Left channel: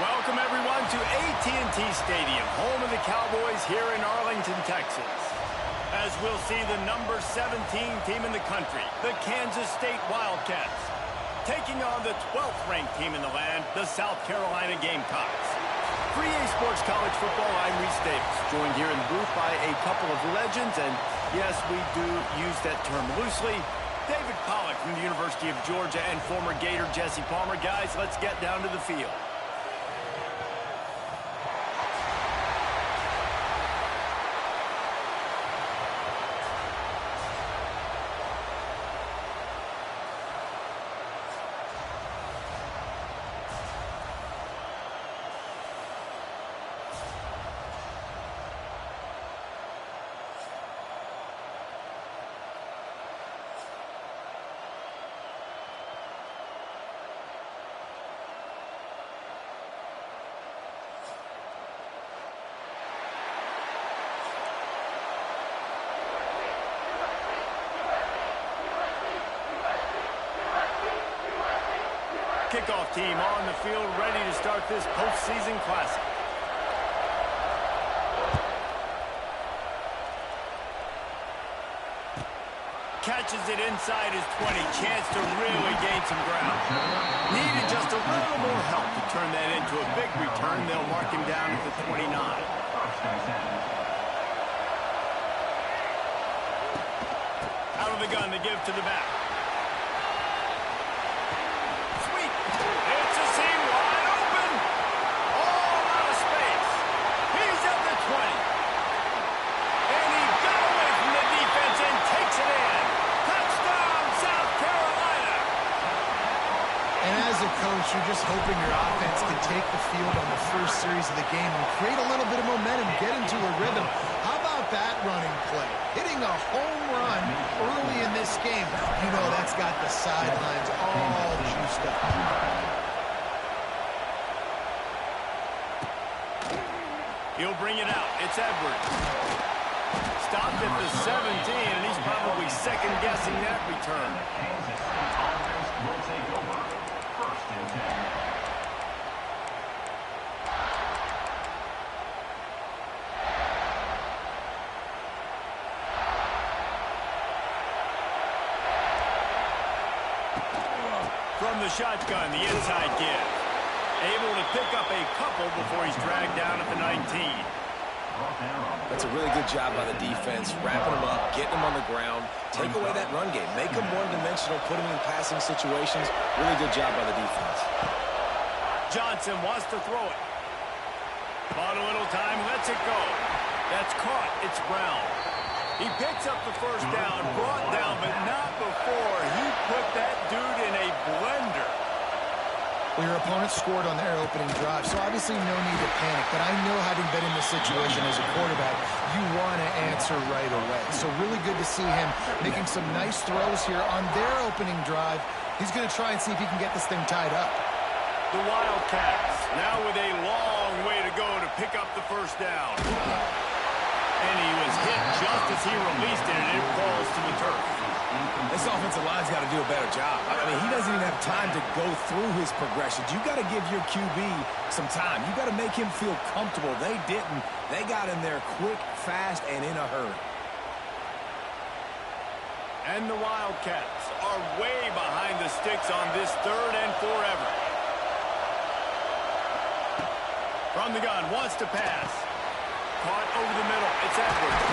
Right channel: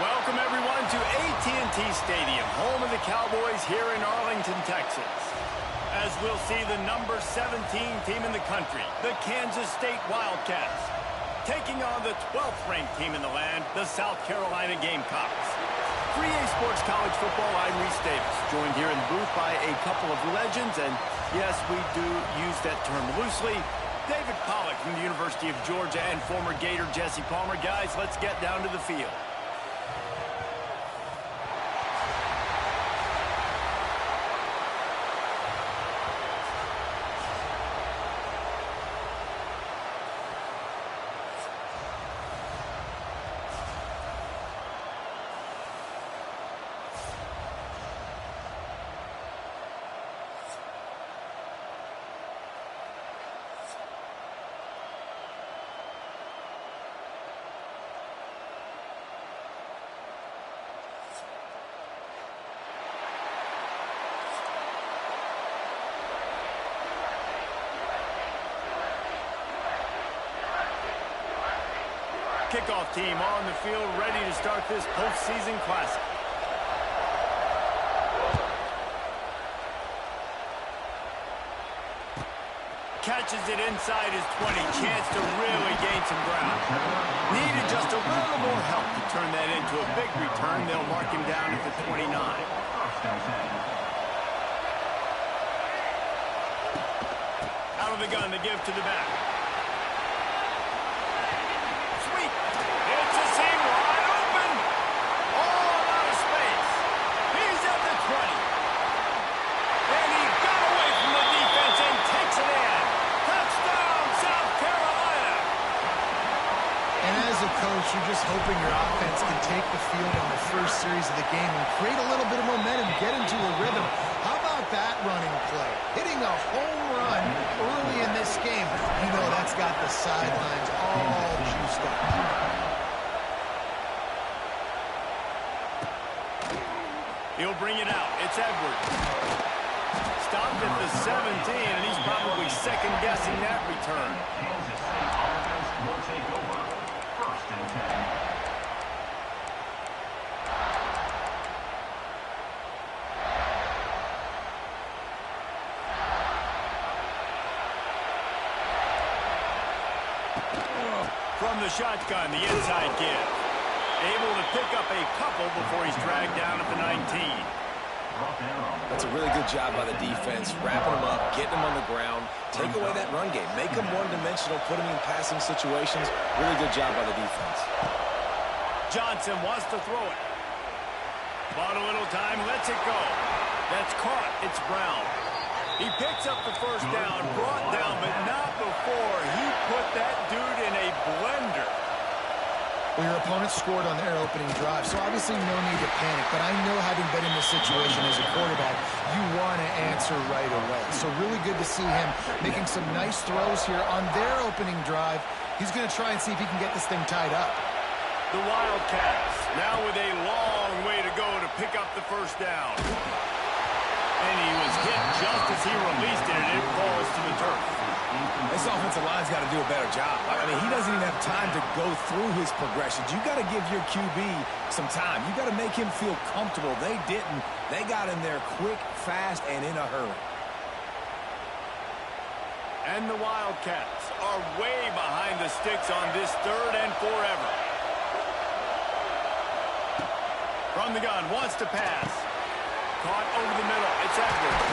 Welcome, everyone, to AT&T Stadium, home of the Cowboys here in Arlington, Texas. As we'll see the number 17 team in the country, the Kansas State Wildcats, taking on the 12th-ranked team in the land, the South Carolina Gamecocks. For EA Sports College Football, I'm Reese Davis, joined here in the booth by a couple of legends, and yes, we do use that term loosely. David Pollack from the University of Georgia and former Gator Jesse Palmer. Guys, let's get down to the field. Kickoff team on the field, ready to start this postseason classic. Catches it inside his 20. Chance to really gain some ground. Needed just a little more help to turn that into a big return. They'll mark him down at the 29. Out of the gun, they give to the back. It's a seam wide open. Oh, a lot of space. He's at the 20. And he got away from the defense and takes it in. Touchdown, South Carolina. And as a coach, you're just hoping your offense can take the field on the first series of the game and create a little bit of momentum, get into a rhythm. How about that running play? Hitting a home run early in this game. You know that's got the sidelines all juiced up. He'll bring it out. It's Edwards. Stopped at the 17, and he's probably second-guessing that return. Kansas State offense will take over. First and 10. From the shotgun, the inside give. Able to pick up a couple before he's dragged down at the 19. That's a really good job by the defense, wrapping them up, getting them on the ground, take away that run game, make them one-dimensional, put them in passing situations. Really good job by the defense. Johnson wants to throw it. Bought a little time, lets it go. That's caught. It's Brown. He picks up the first down, brought down, but not before he put that dude in a blender. Well, your opponent scored on their opening drive, so obviously no need to panic. But I know, having been in this situation as a quarterback, you want to answer right away. So really good to see him making some nice throws here on their opening drive. He's going to try and see if he can get this thing tied up. The Wildcats now with a long way to go to pick up the first down. And he was hit just as he released it, and it falls to the turf. This offensive line's got to do a better job. I mean, he doesn't even have time to go through his progressions. You got to give your QB some time. You got to make him feel comfortable. They didn't. They got in there quick, fast, and in a hurry. And the Wildcats are way behind the sticks on this third and forever. From the gun, wants to pass. Caught over the middle. It's Edwards.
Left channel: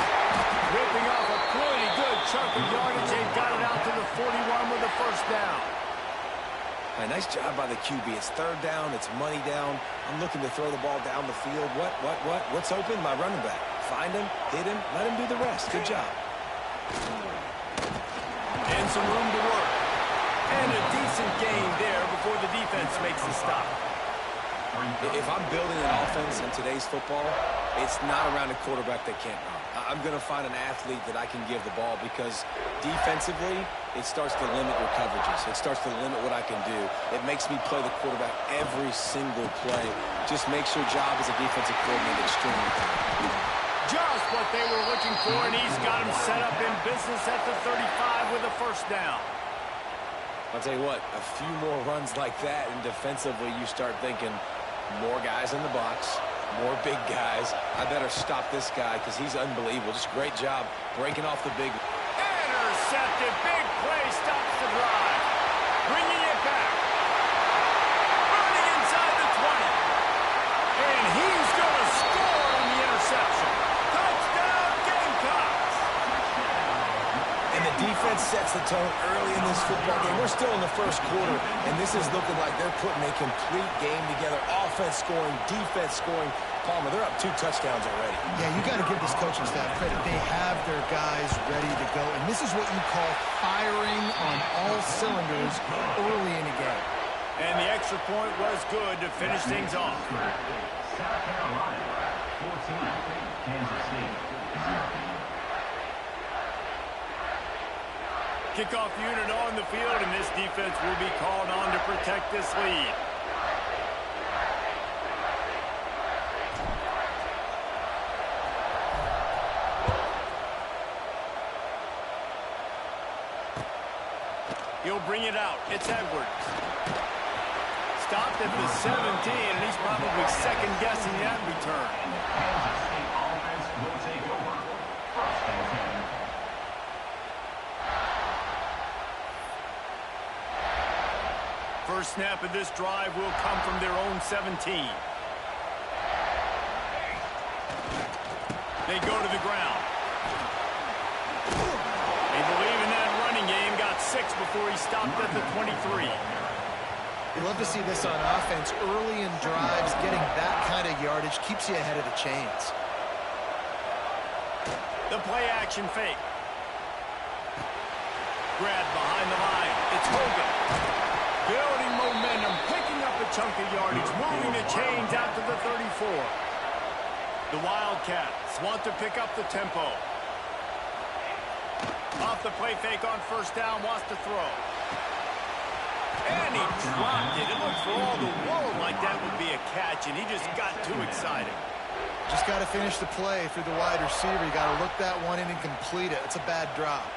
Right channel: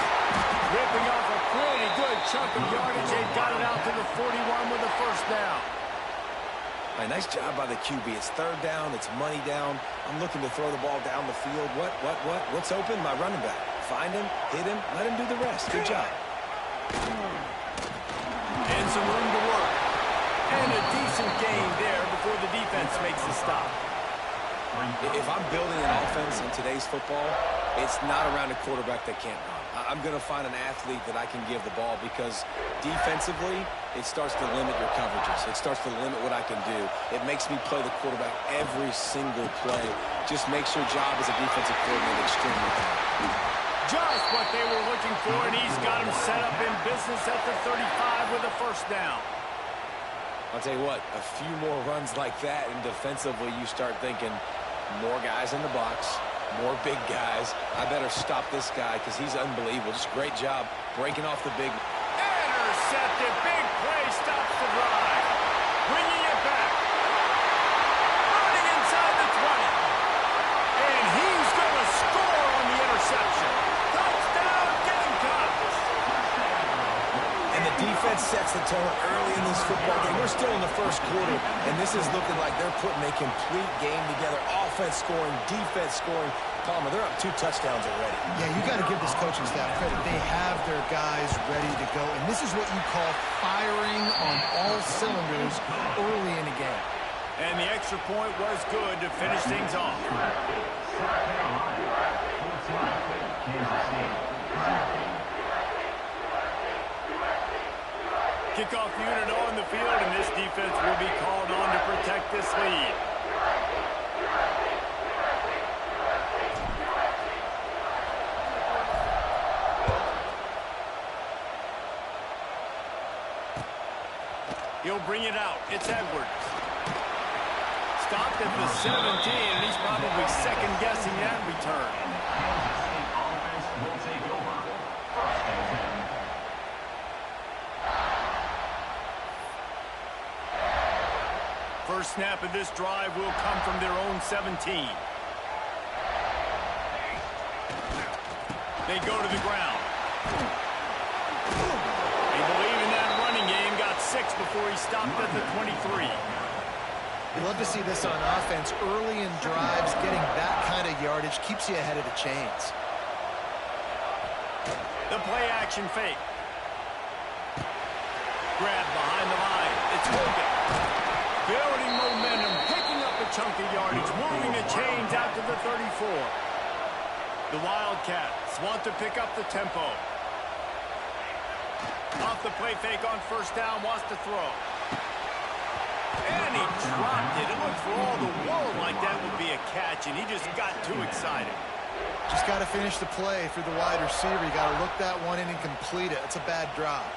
Ripping off a pretty good chunk of yardage. They've got it out to the 41 with the first down. All right, nice job by the QB. It's third down. It's money down. I'm looking to throw the ball down the field. What's open? My running back. Find him, hit him, let him do the rest. Good job. And some room to work. And a decent gain there before the defense makes the stop. If I'm building an offense in today's football, it's not around a quarterback that can't run. I'm going to find an athlete that I can give the ball, because defensively, it starts to limit your coverages. It starts to limit what I can do. It makes me play the quarterback every single play. Just makes your job as a defensive coordinator extremely hard. Just what they were looking for, and he's got him set up in business at the 35 with a first down. I'll tell you what, a few more runs like that, and defensively you start thinking, More guys in the box, more big guys. I better stop this guy because he's unbelievable. Just a great job breaking off the big. Intercepted. Big play stops the drive. Bringing it back. Running inside the 20. And he's going to score on the interception. Touchdown, Gamecocks. And the defense sets the tone early in this football game. We're still in the first quarter, and this is looking like they're putting a complete game together. Offense scoring, defense scoring. Palmer, they're up 2 touchdowns already. Yeah, you got to give this coaching staff credit. They have their guys ready to go, and this is what you call firing on all cylinders early in a game. And the extra point was good to finish things off. South Carolina, 14, Kansas State, 0. Kickoff unit on the field, and this defense will be called on to protect this lead. He'll bring it out. It's Edwards. Stopped at the 17, and he's probably second-guessing that return. And the Kansas State offense will take over. First and 10. First snap of this drive will come from their own 17. They go to the ground. They believe in that running game. Got 6 before he stopped at the 23. You love to see this on offense. Early in drives, getting that kind of yardage keeps you ahead of the chains. The play-action fake. Grabbed behind the line. It's Hogan. Building momentum, picking up a chunk of yardage, moving the chains out to the 34. The Wildcats want to pick up the tempo. Off the play fake on first down, wants to throw. And he dropped it. It looked for all the world like that would be a catch, and he just got too excited. Just got to finish the play for the wide receiver. You got to look that one in and complete it. It's a bad drop.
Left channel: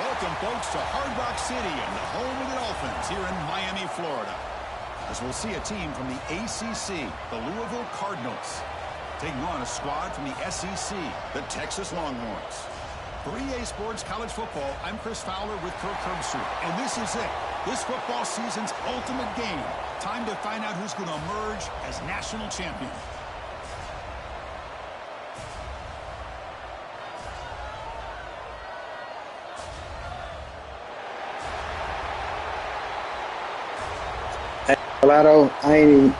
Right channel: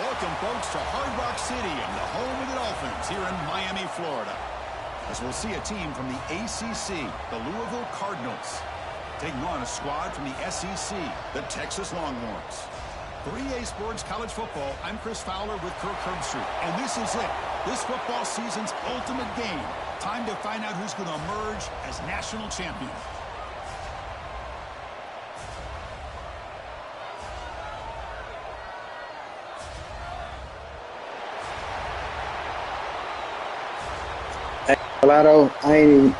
Welcome, folks, to Hard Rock Stadium, the home of the Dolphins here in Miami, Florida. As we'll see a team from the ACC, the Louisville Cardinals, taking on a squad from the SEC, the Texas Longhorns. For EA Sports College Football, I'm Chris Fowler with Kirk Herbstreit, and this is it. This football season's ultimate game. Time to find out who's going to emerge as national champion. Lotto, I ain't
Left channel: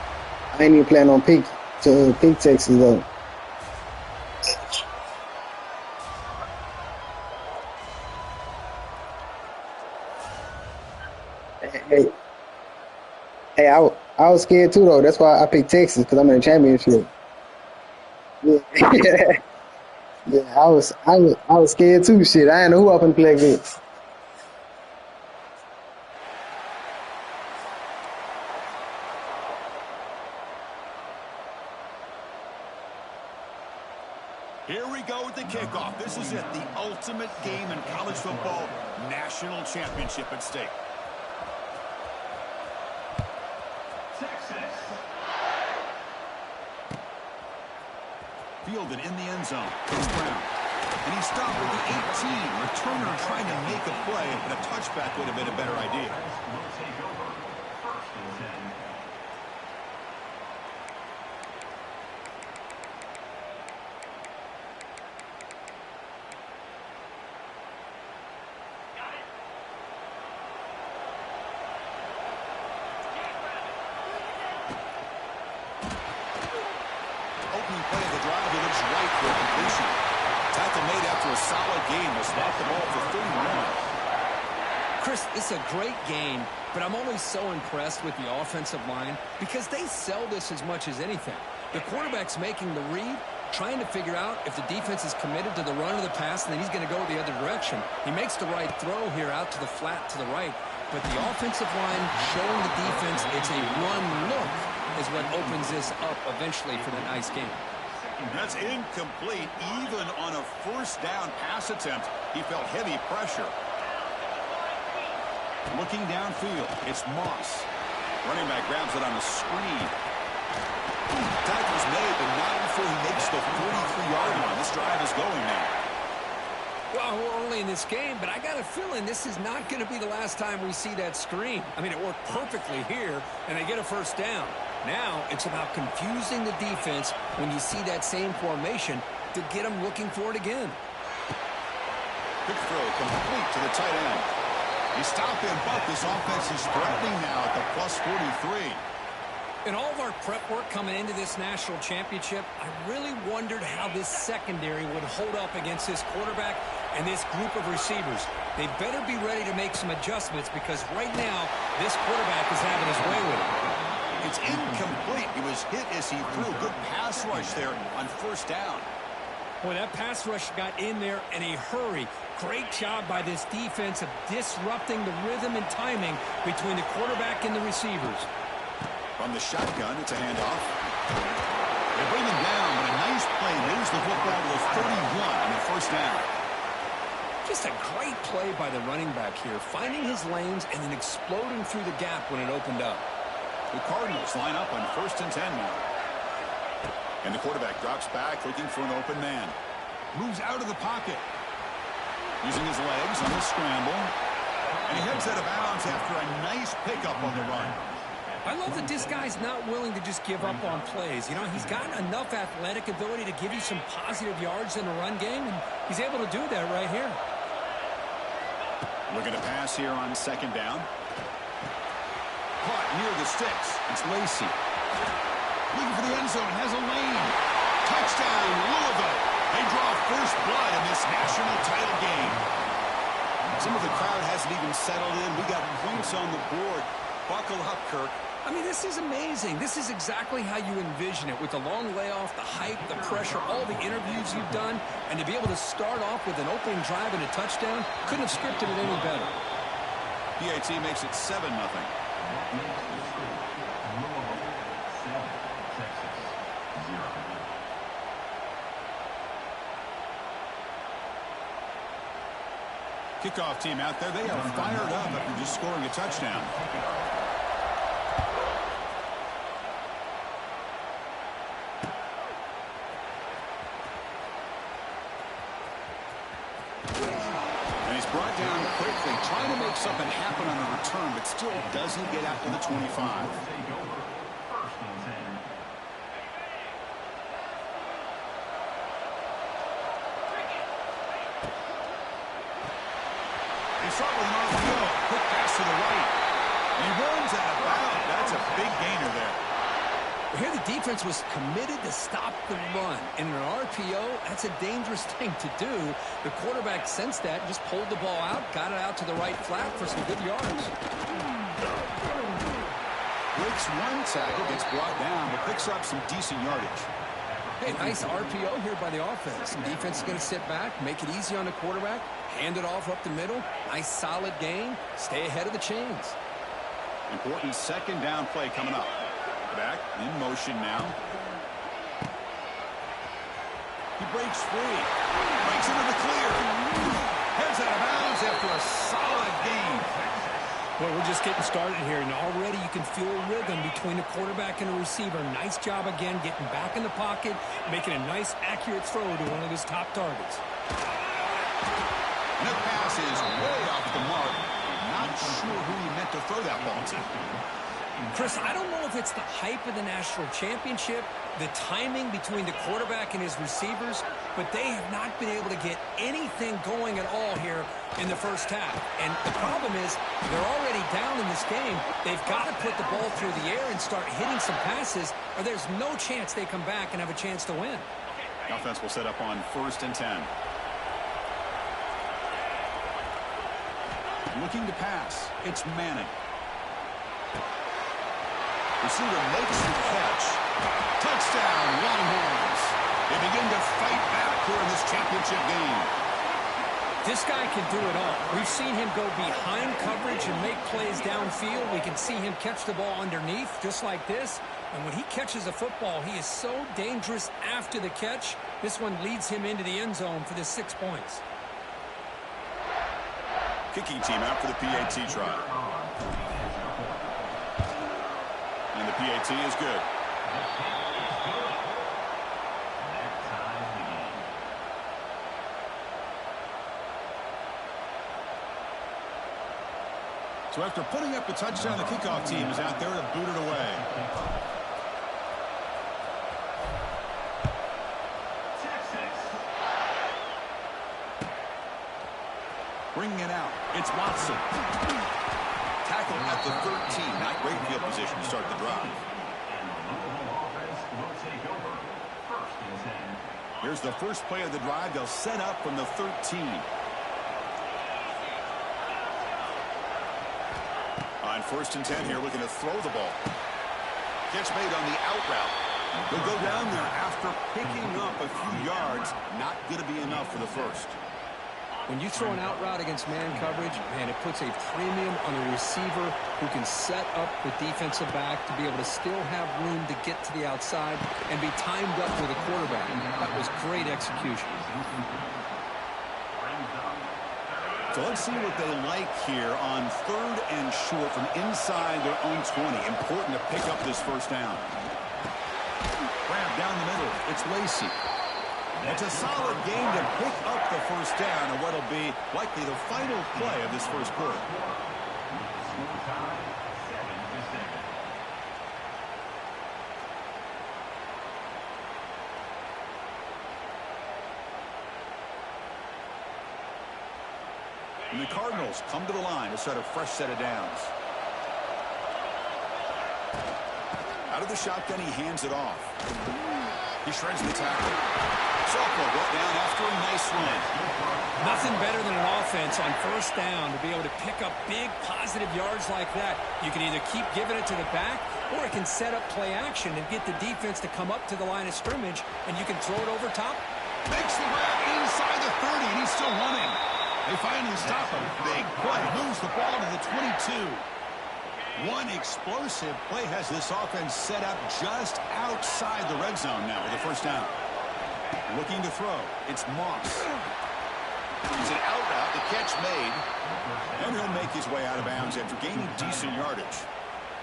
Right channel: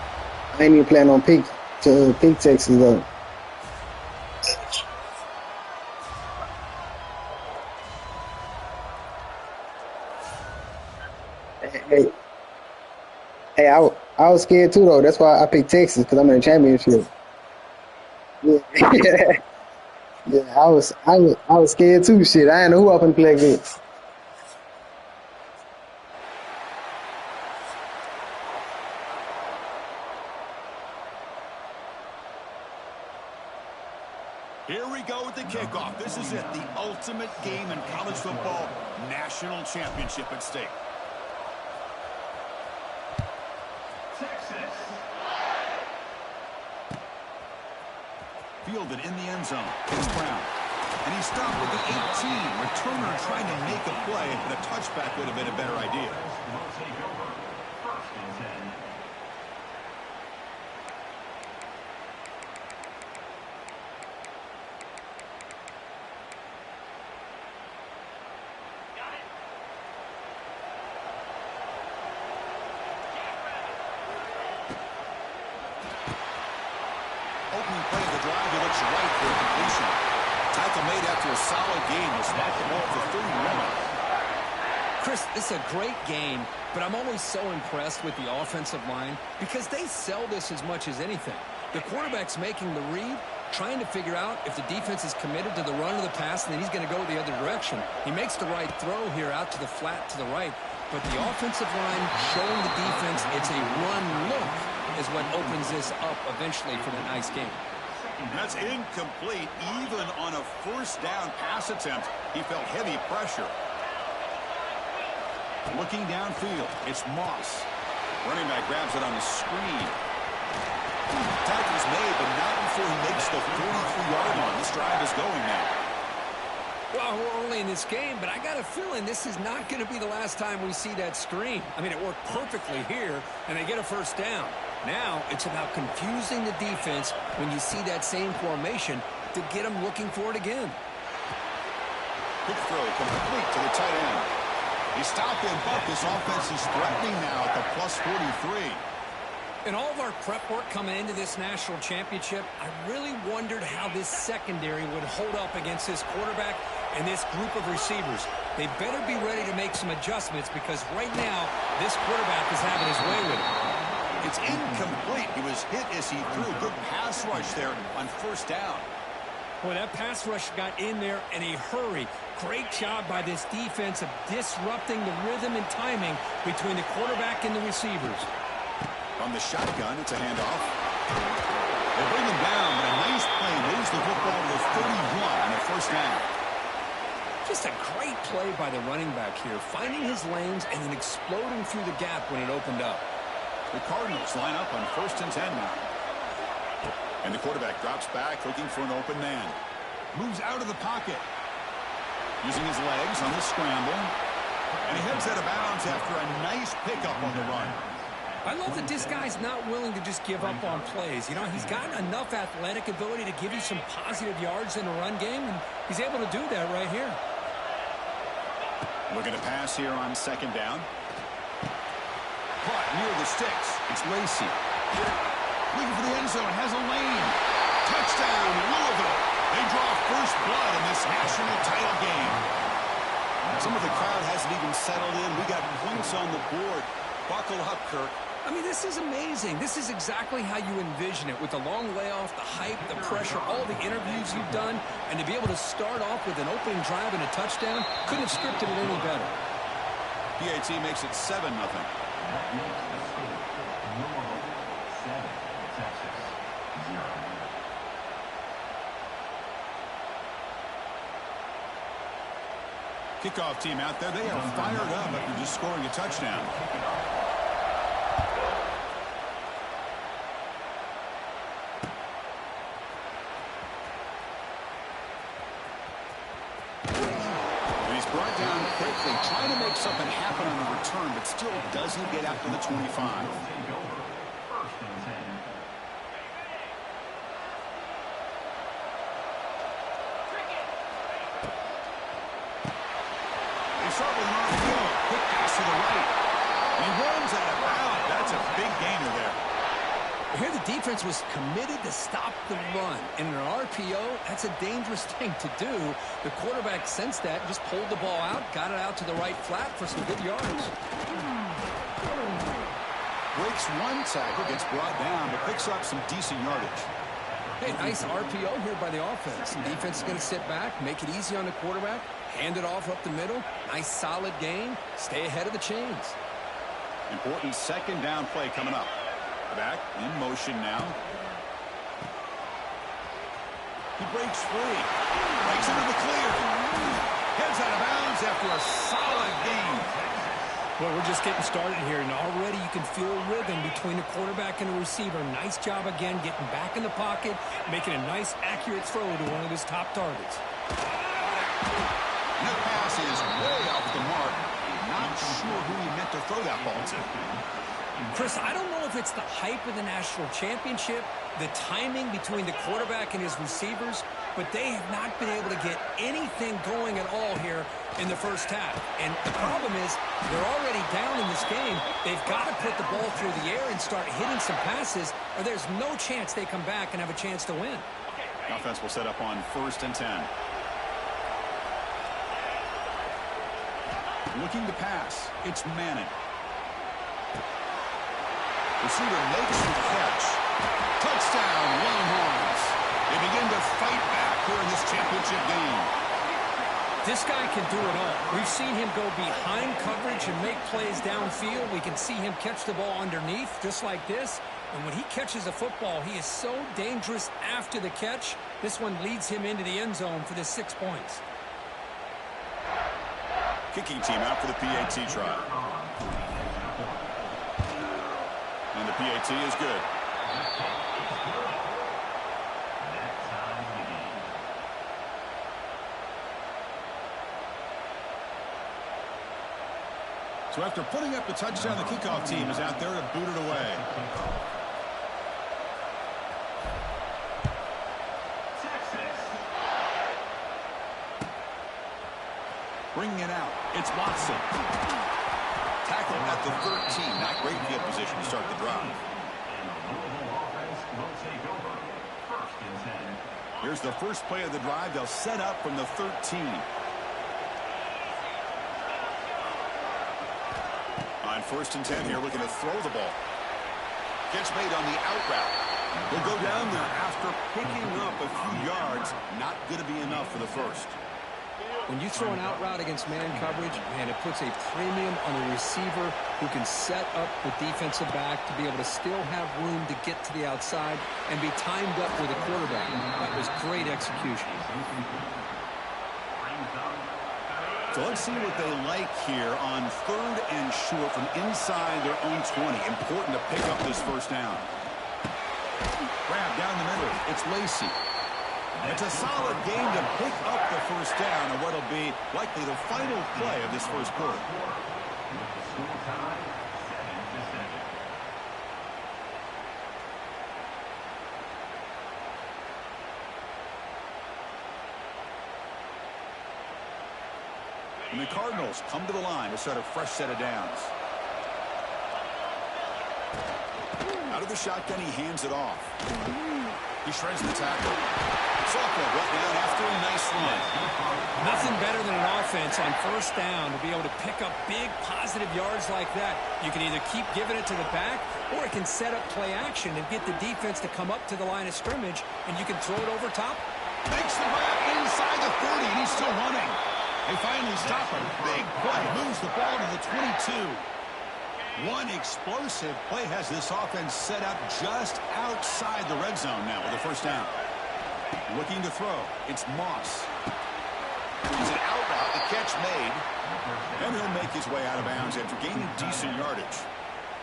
even planning on pick Texas though. Hey, I was scared too though. That's why I picked Texas because I'm in the championship. Yeah, yeah. I was scared too. Shit, I ain't know who up and play against. Here we go with the kickoff. This is it, the ultimate game in college football, national championship at stake. Texas. Fielded in the end zone. It's Brown. And he stopped with the 18. Returner trying to make a play, but a touchback would have been a better idea. Will take over. First and 10. Opening play of the drive, he looks right for a completion. Tackle made after a solid game. Will spot the ball for 31. Chris, this is a great game, but I'm always so impressed with the offensive line because they sell this as much as anything. The quarterback's making the read, trying to figure out if the defense is committed to the run or the pass, and then he's going to go the other direction. He makes the right throw here out to the flat to the right, but the offensive line showing the defense it's a run look is what opens this up eventually for the nice game. That's incomplete. Even on a first down pass attempt, he felt heavy pressure. Looking downfield, it's Moss. Running back grabs it on a screen. Tackle's made, but not before he makes the 43-yard line. This drive is going now. Well, we're early in this game, but I got a feeling this is not going to be the last time we see that screen. I mean, it worked perfectly here, and they get a first down. Now it's about confusing the defense when you see that same formation to get them looking for it again. Quick throw complete to the tight end. He stopped and bucked. This offense is threatening now at the plus 43. In all of our prep work coming into this national championship, I really wondered how this secondary would hold up against this quarterback and this group of receivers. They better be ready to make some adjustments because right now, this quarterback is having his way with it. It's incomplete. He was hit as he threw. Good pass rush there on first down. Boy, that pass rush got in there in a hurry. Great job by this defense of disrupting the rhythm and timing between the quarterback and the receivers. From the shotgun, it's a handoff. They bring him down, but a nice play moves the football to the 31 on a first down. Just a great play by the running back here, finding his lanes and then exploding through the gap when it opened up. The Cardinals line up on 1st and 10 now. And the quarterback drops back, looking for an open man. Moves out of the pocket. Using his legs on the scramble. And he heads out of bounds after a nice pickup on the run. I love that this guy's not willing to just give up on plays. You know, he's got enough athletic ability to give you some positive yards in a run game, and he's able to do that right here. Looking to pass here on 2nd down. Caught near the sticks. It's Lacey. Looking for the end zone. Has a lane. Touchdown, Louisville. They draw first blood in this national title game. Some of the crowd hasn't even settled in. We got points on the board. Buckle up, Kirk. I mean, this is amazing. This is exactly how you envision it, with the long layoff, the hype, the pressure, all the interviews you've done, and to be able to start off with an opening drive and a touchdown, couldn't have scripted it any better. PAT makes it 7-0. That makes the score Louisville 7, Texas 0. Kickoff team out there, they are fired up after just scoring a touchdown. And he's brought down quickly, trying to make something happen on the return, but still doesn't get out to the 25. They start with an RPO. Quick pass to the right. And he runs out of bounds. That's a big gainer there. Here the defense was committed to stop the run. In an RPO, that's a dangerous thing to do. The quarterback sensed that, just pulled the ball out, got it out to the right flat for some good yards. Breaks one tackle, gets brought down, but picks up some decent yardage. Hey, nice RPO here by the offense. Defense is going to sit back, make it easy on the quarterback, hand it off up the middle. Nice solid gain. Stay ahead of the chains. Important second down play coming up. Back in motion now. He breaks free. Breaks into the clear. Heads out of bounds after a solid gain. Well, we're just getting started here, and already you can feel a rhythm between the quarterback and the receiver. Nice job again getting back in the pocket, making a nice, accurate throw to one of his top targets. And that pass is way off the mark. Not sure who he meant to throw that ball to. Chris, I don't know if it's the hype of the national championship, the timing between the quarterback and his receivers, but they have not been able to get anything going at all here in the first half. And the problem is they're already down in this game. They've got to put the ball through the air and start hitting some passes, or there's no chance they come back and have a chance to win. The offense will set up on 1st and 10. Looking to pass. It's Manning. Receiver makes the catch. Touchdown, Longhorns. They begin to fight back here in this championship game. This guy can do it all. We've seen him go behind coverage and make plays downfield. We can see him catch the ball underneath just like this. And when he catches a football, he is so dangerous after the catch. This one leads him into the end zone for the 6 points. Kicking team out for the PAT try. And the PAT is good. So after putting up the touchdown, the kickoff team is out there to boot it away. Bringing it out. It's Watson. Tackle at the 13. Not great field position to start the drive. And the Louisville offense will take over. 1st and 10. Here's the first play of the drive. They'll set up from the 13. On 1st and 10 here, looking to throw the ball. Catch made on the out route. They'll go down there after picking up a few yards. Not going to be enough for the first. When you throw an out route against man coverage, man, it puts a premium on a receiver who can set up the defensive back to be able to still have room to get to the outside and be timed up with a quarterback. That was great execution. So let's see what they like here on 3rd and short from inside their own 20. Important to pick up this first down. Grab down the middle. It's Lacey. It's a solid game to pick up the first down and what'll be likely the final play of this first quarter. With the score tied 7-7. And the Cardinals come to the line to start a fresh set of downs. Out of the shotgun, he hands it off. He shreds the tackle. Sophomore brought down after a nice run. Nothing better than an offense on 1st down to be able to pick up big positive yards like that. You can either keep giving it to the back, or it can set up play action and get the defense to come up to the line of scrimmage, and you can throw it over top. Makes the grab inside the 30, and he's still running. They finally stop him. Big play. Moves the ball to the 22. One explosive play has this offense set up just outside the red zone now with a first down. Looking to throw. It's Moss. It's an out route, the catch made. And he'll make his way out of bounds after gaining decent yardage.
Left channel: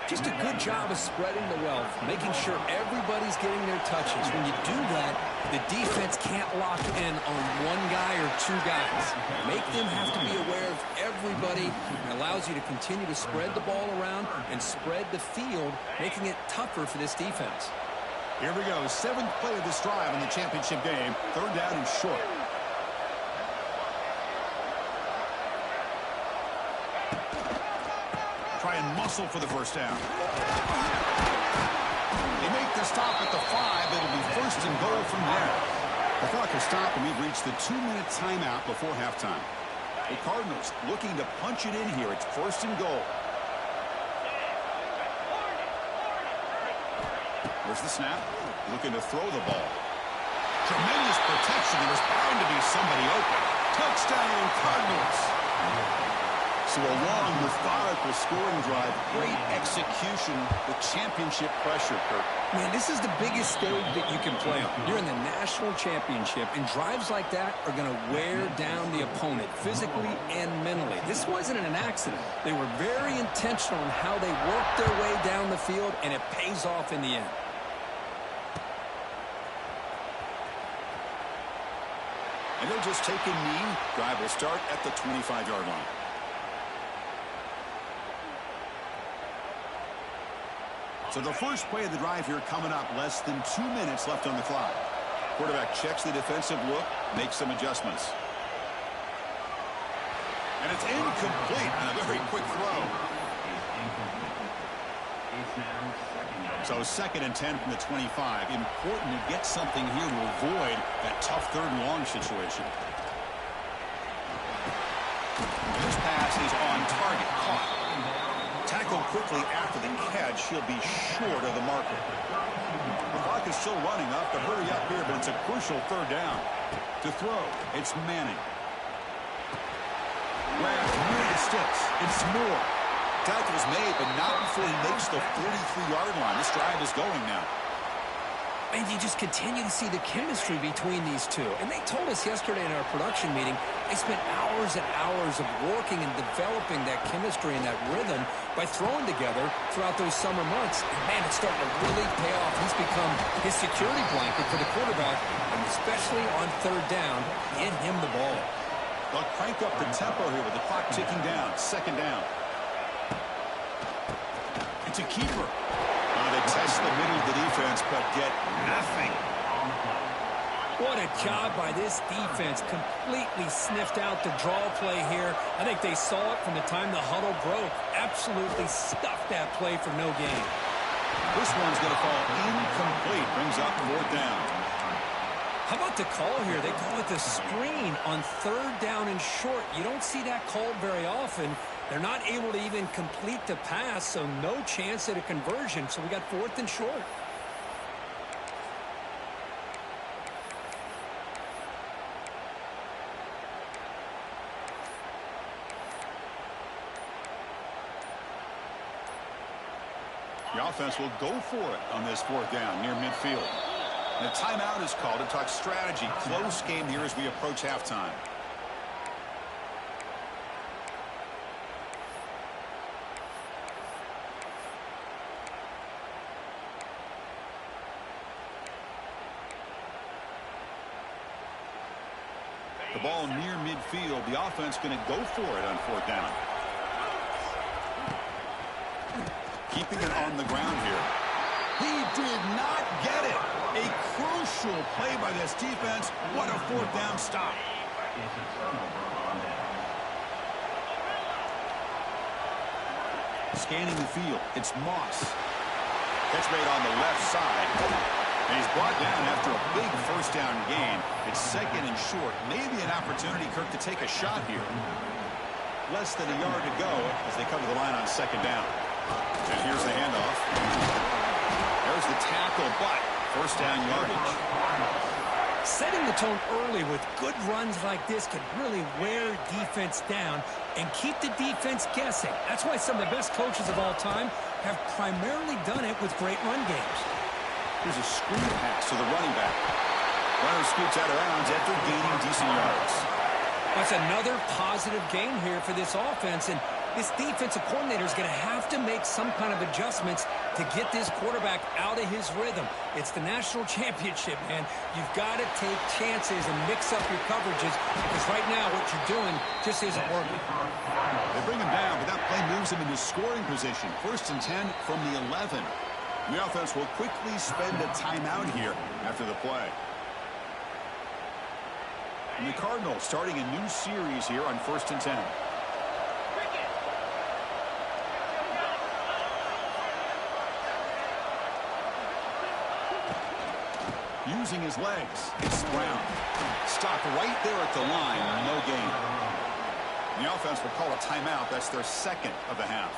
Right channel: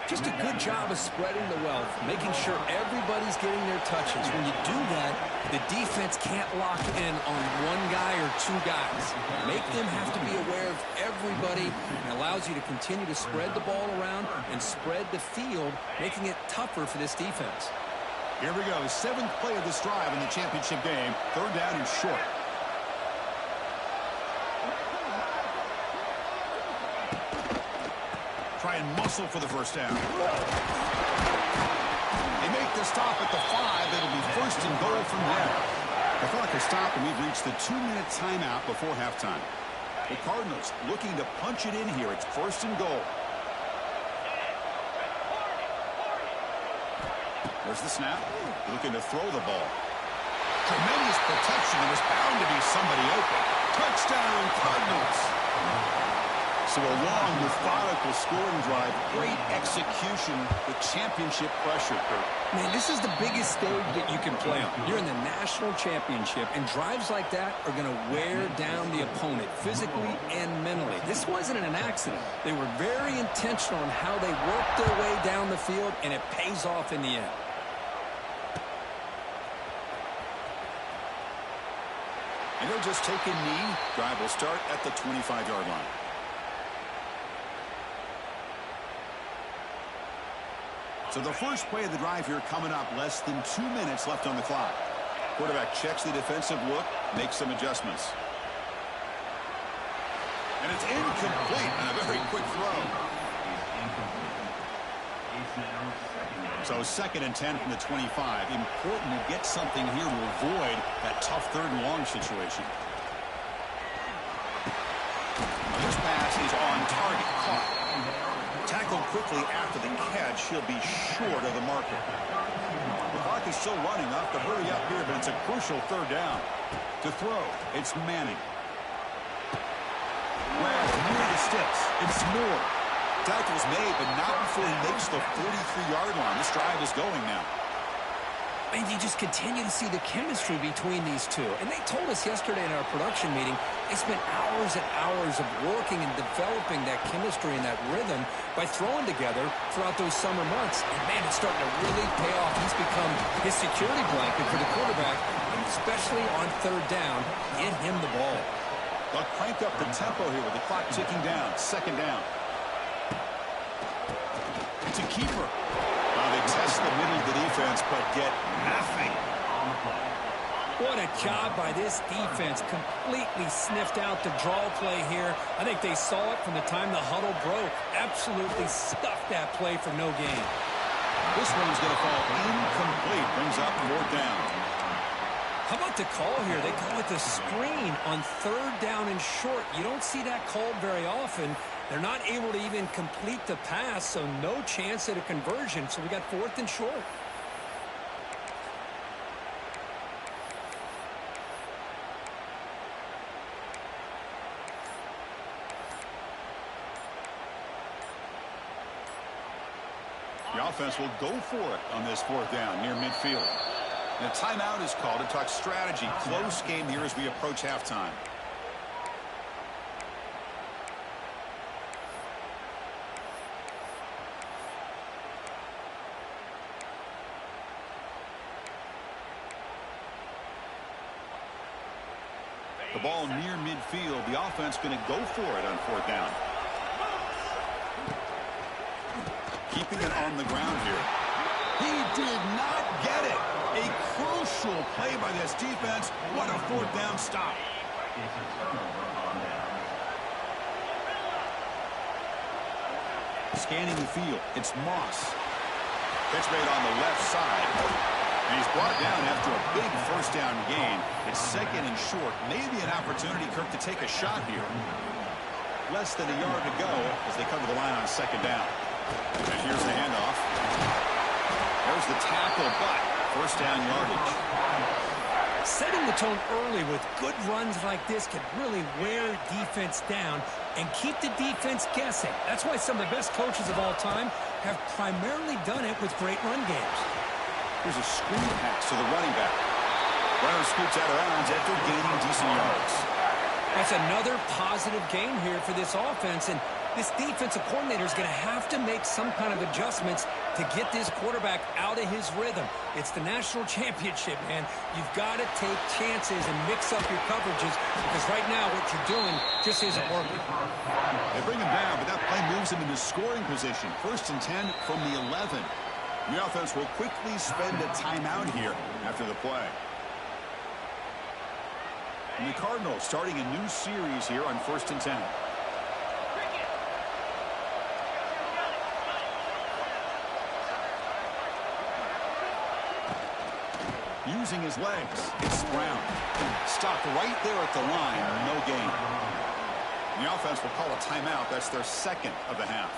Just a good job of spreading the wealth, making sure everybody's getting their touches. When you do that, the defense can't lock in on one guy or two guys. Make them have to be aware of everybody, and allows you to continue to spread the ball around and spread the field, making it tougher for this defense. Here we go, 7th play of this drive in the championship game. 3rd down and short. Try and muscle for the first down. They make the stop at the 5. It'll be 1st and goal from there. The clock has stopped, and we've reached the 2-minute timeout before halftime. The Cardinals looking to punch it in here. It's 1st and goal. There's the snap. Looking to throw the ball. Tremendous protection. There was bound to be somebody open. Touchdown, Cardinals. So a long, methodical scoring drive. Great execution with championship pressure, Kirk. Man, this is the biggest stage that you can play on. You're in the national championship, and drives like that are going to wear down the opponent physically and mentally. This wasn't an accident. They were very intentional on how they worked their way down the field, and it pays off in the end. And he'll just take a knee. Drive will start at the 25-yard line. So the first play of the drive here coming up, less than 2 minutes left on the clock. Quarterback checks the defensive look, makes some adjustments. And it's incomplete on a very quick throw. So 2nd and 10 from the 25. Important to get something here to avoid that tough 3rd and long situation. This pass is on target, caught. Tackled quickly after the catch. He'll be short of the marker. The clock is still running. I'll have to hurry up here, but it's a crucial 3rd down. To throw, it's Manning. Grabbed near the sticks. It's Moore. Tackle's made, but not before he makes the 43-yard line. This drive is going now. And you just continue to see the chemistry between these two. And they told us yesterday in our production meeting, they spent hours and hours of working and developing that chemistry and that rhythm by throwing together throughout those summer months. And, man, it's starting to really pay off. He's become his security blanket for the quarterback, and especially on 3rd down, get him the ball. They'll crank up the tempo here with the clock ticking down. 2nd down. It's a keeper. They test the middle of the defense, but get nothing. What a job by this defense. Completely sniffed out the draw play here. I think they saw it from the time the huddle broke. Absolutely stuffed that play for no gain. This one's going to fall incomplete. Brings up 4th down. How about the call here? They call it the screen on 3rd down and short. You don't see that called very often. They're not able to even complete the pass, so no chance at a conversion. So we got 4th and short. The offense will go for it on this 4th down near midfield. And a timeout is called to talk strategy. Close game here as we approach halftime. The ball near midfield. The offense going to go for it on 4th down. Keeping it on the ground here. He did not get it. A crucial play by this defense. What a 4th down stop. It's a turnover on down. Scanning the field. It's Moss. Catch made on the left side. And he's brought down after a big 1st down gain. It's 2nd and short. Maybe an opportunity, Kirk, to take a shot here. Less than a yard to go as they come to the line on 2nd down. And here's the handoff. There's the tackle, but 1st down yardage. Setting the tone early with good runs like this can really wear defense down and keep the defense guessing. That's why some of the best coaches of all time have primarily done it with great run games. Here's a screen pass to the running back. Runner scoots out of bounds after gaining decent yards. That's another positive game here for this offense, and this defensive coordinator is going to have to make some kind of adjustments to get this quarterback out of his rhythm. It's the national championship, man. You've got to take chances and mix up your coverages because right now what you're doing just isn't working. They bring him down, but that play moves him into scoring position. 1st and 10 from the 11. The offense will quickly spend a timeout here after the play. And the Cardinals starting a new series here on 1st and 10. Using his legs, it's Brown. Stopped right there at the line, no gain. The offense will call a timeout. That's their 2nd of the half.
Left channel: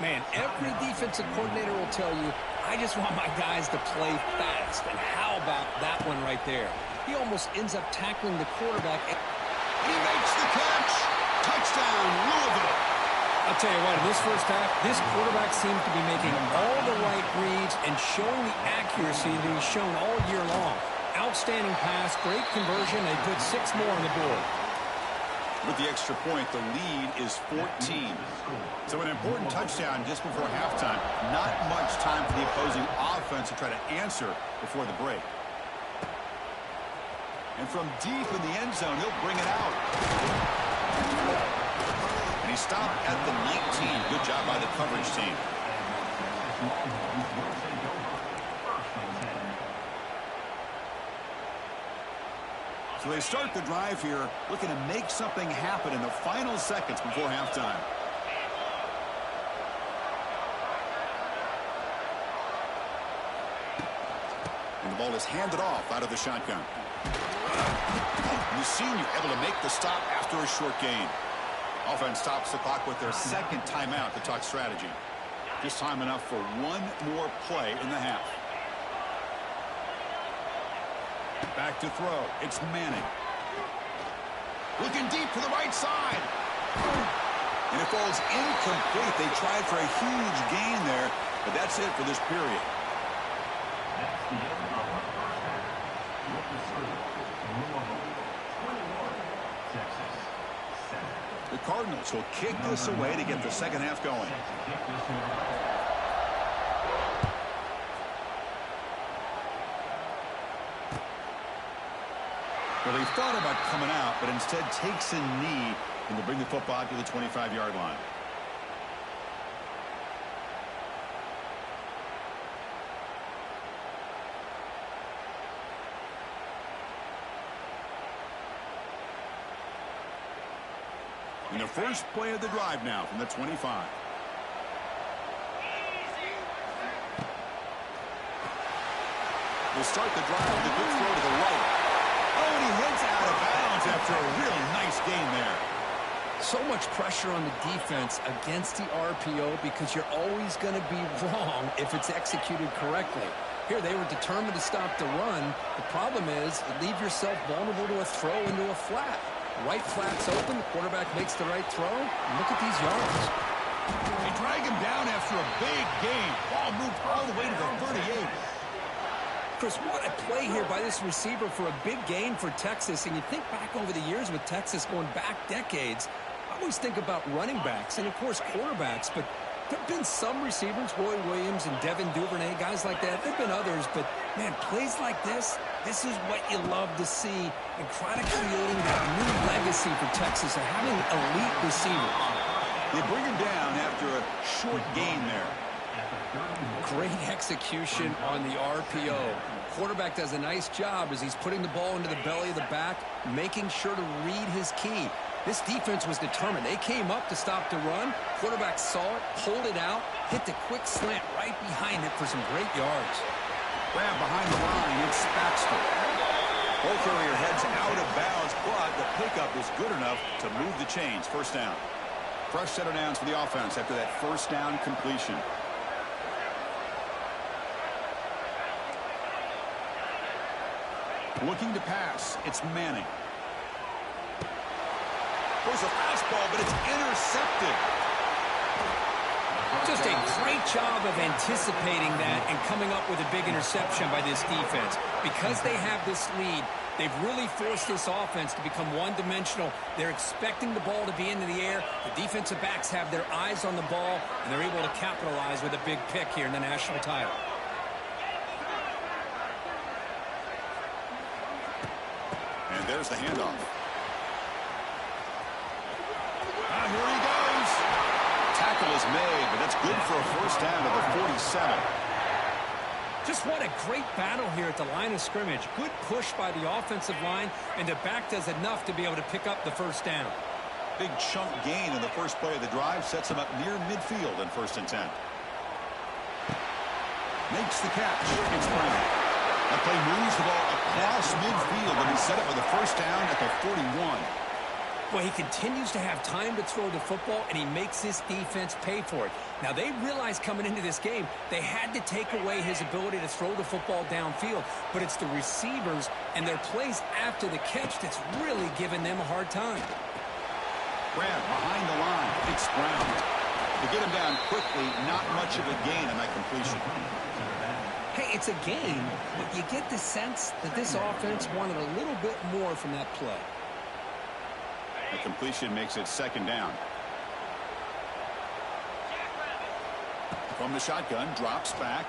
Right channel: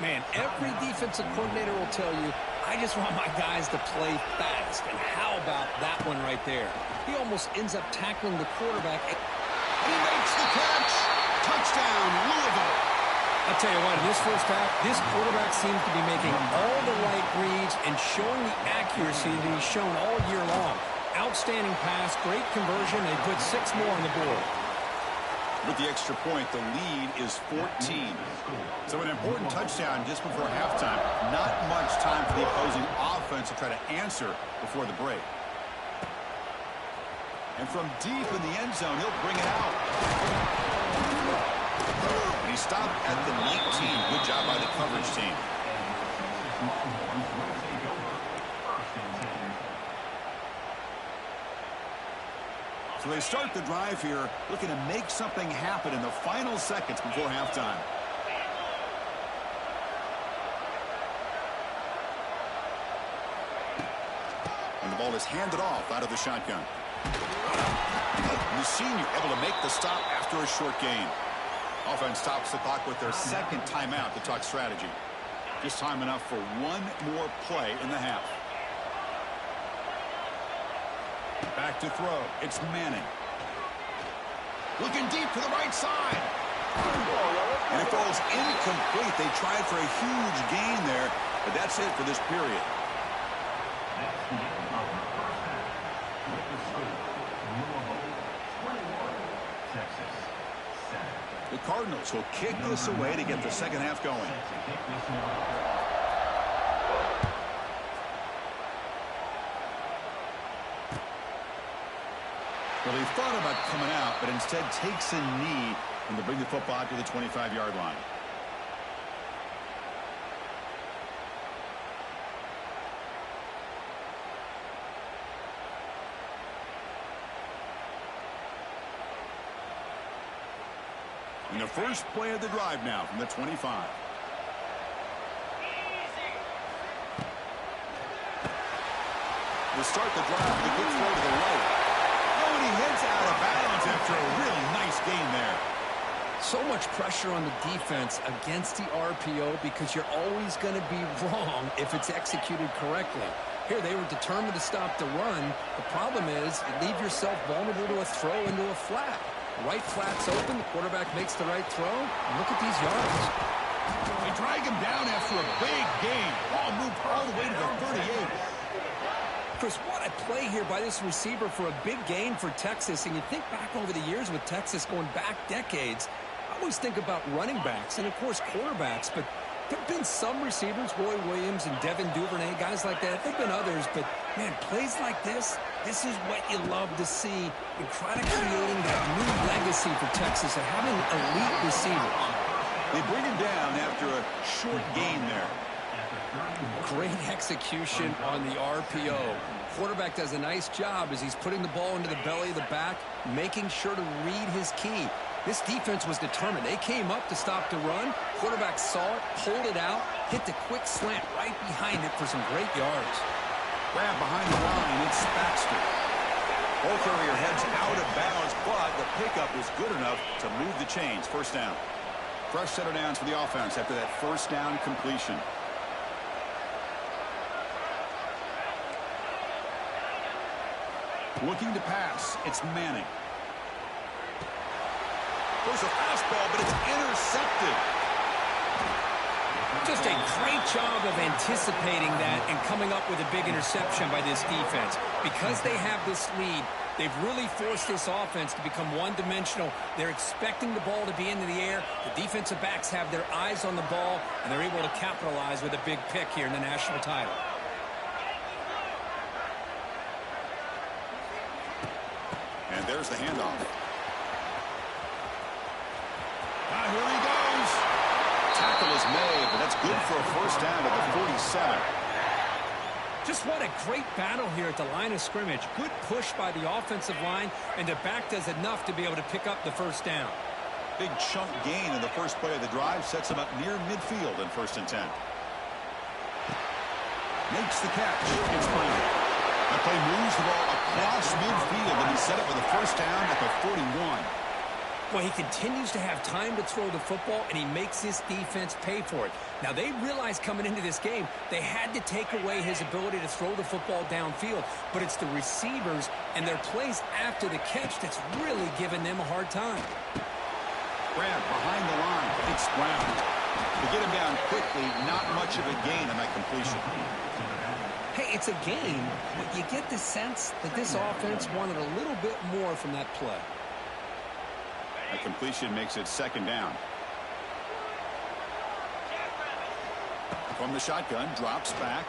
Man, every defensive coordinator will tell you, I just want my guys to play fast. And how about that one right there? He almost ends up tackling the quarterback. And he makes the catch. Touchdown, Louisville. I'll tell you what, in this first half, this quarterback seems to be making all the right reads and showing the accuracy that he's shown all year long. Outstanding pass, great conversion. They put 6 more on the board. With the extra point, the lead is 14. So an important touchdown just before halftime. Not much time for the opposing offense to try to answer before the break. And from deep in the end zone, he'll bring it out. And he stopped at the 19. Good job by the coverage team. So they start the drive here, looking to make something happen in the final seconds before halftime. And the ball is handed off out of the shotgun. And the senior able to make the stop after a short gain. Offense stops the clock with their 2nd timeout to talk strategy. Just time enough for one more play in the half. Back to throw. It's Manning. Looking deep to the right side. And it falls incomplete. They tried for a huge gain there, but that's it for this period. That's the end of the first half. With the score, Louisville 21, Texas 7. The Cardinals will kick this away to get the second half going. Well, he thought about coming out, but instead takes a knee and to bring the football to the 25-yard line. And the first play of the drive now from the 25. We'll start the drive with a quick throw to the right. Oh, and he heads out of bounds after a really nice gain there. So much pressure on the defense against the RPO because you're always going to be wrong if it's executed correctly. Here, they were determined to stop the run. The problem is you leave yourself vulnerable to a throw into a flat. Right flat's open. The quarterback makes the right throw. And look at these yards. They drag him down after a big gain. Ball moved all the way to the 38. Chris, what a play here by this receiver for a big gain for Texas. And you think back over the years with Texas going back decades, I always think about running backs and, of course, quarterbacks. But there have been some receivers, Roy Williams and Devin Duvernay, guys like that. There have been others. But, man, plays like this is what you love to see and kind of creating that new legacy for Texas of having elite receivers. They bring him down after a short gain there. Great execution on the RPO. Quarterback does a nice job as he's putting the ball into the belly of the back, making sure to read his key. This defense was determined. They came up to stop the run. Quarterback saw it, pulled it out, hit the quick slant right behind it for some great yards. Grab behind the line, it's Baxter. Ball carrier heads out of bounds, but the pickup is good enough to move the chains. First down. Fresh set of downs for the offense after that first down completion. Looking to pass, it's Manning. Throws a fastball, but it's intercepted. Just a great job of anticipating that and coming up with a big interception by this defense. Because they have this lead, They've really forced this offense to become one-dimensional. They're expecting the ball to be into the air. The defensive backs have their eyes on the ball, and they're able to capitalize with a big pick here in the national title. And there's the handoff. Here he goes. Tackle is made, but that's good for a first down to the 47. Just what a great battle here at the line of scrimmage. Good push by the offensive line, and the back does enough to be able to pick up the first down. Big chunk gain in the first play of the drive sets him up near midfield in 1st and 10. Makes the catch. It's Brown. That play moves the ball across midfield, and he set up with a first down at the 41. Well, he continues to have time to throw the football, and he makes this defense pay for it. Now, they realized coming into this game they had to take away his ability to throw the football downfield, but it's the receivers and their plays after the catch that's really giving them a hard time. Grab behind the line. It's Brown. To get him down quickly, not much of a gain on that completion. Hey, it's a gain, but you get the sense that this offense wanted a little bit more from that play. That completion makes it 2nd down. From the shotgun, drops back.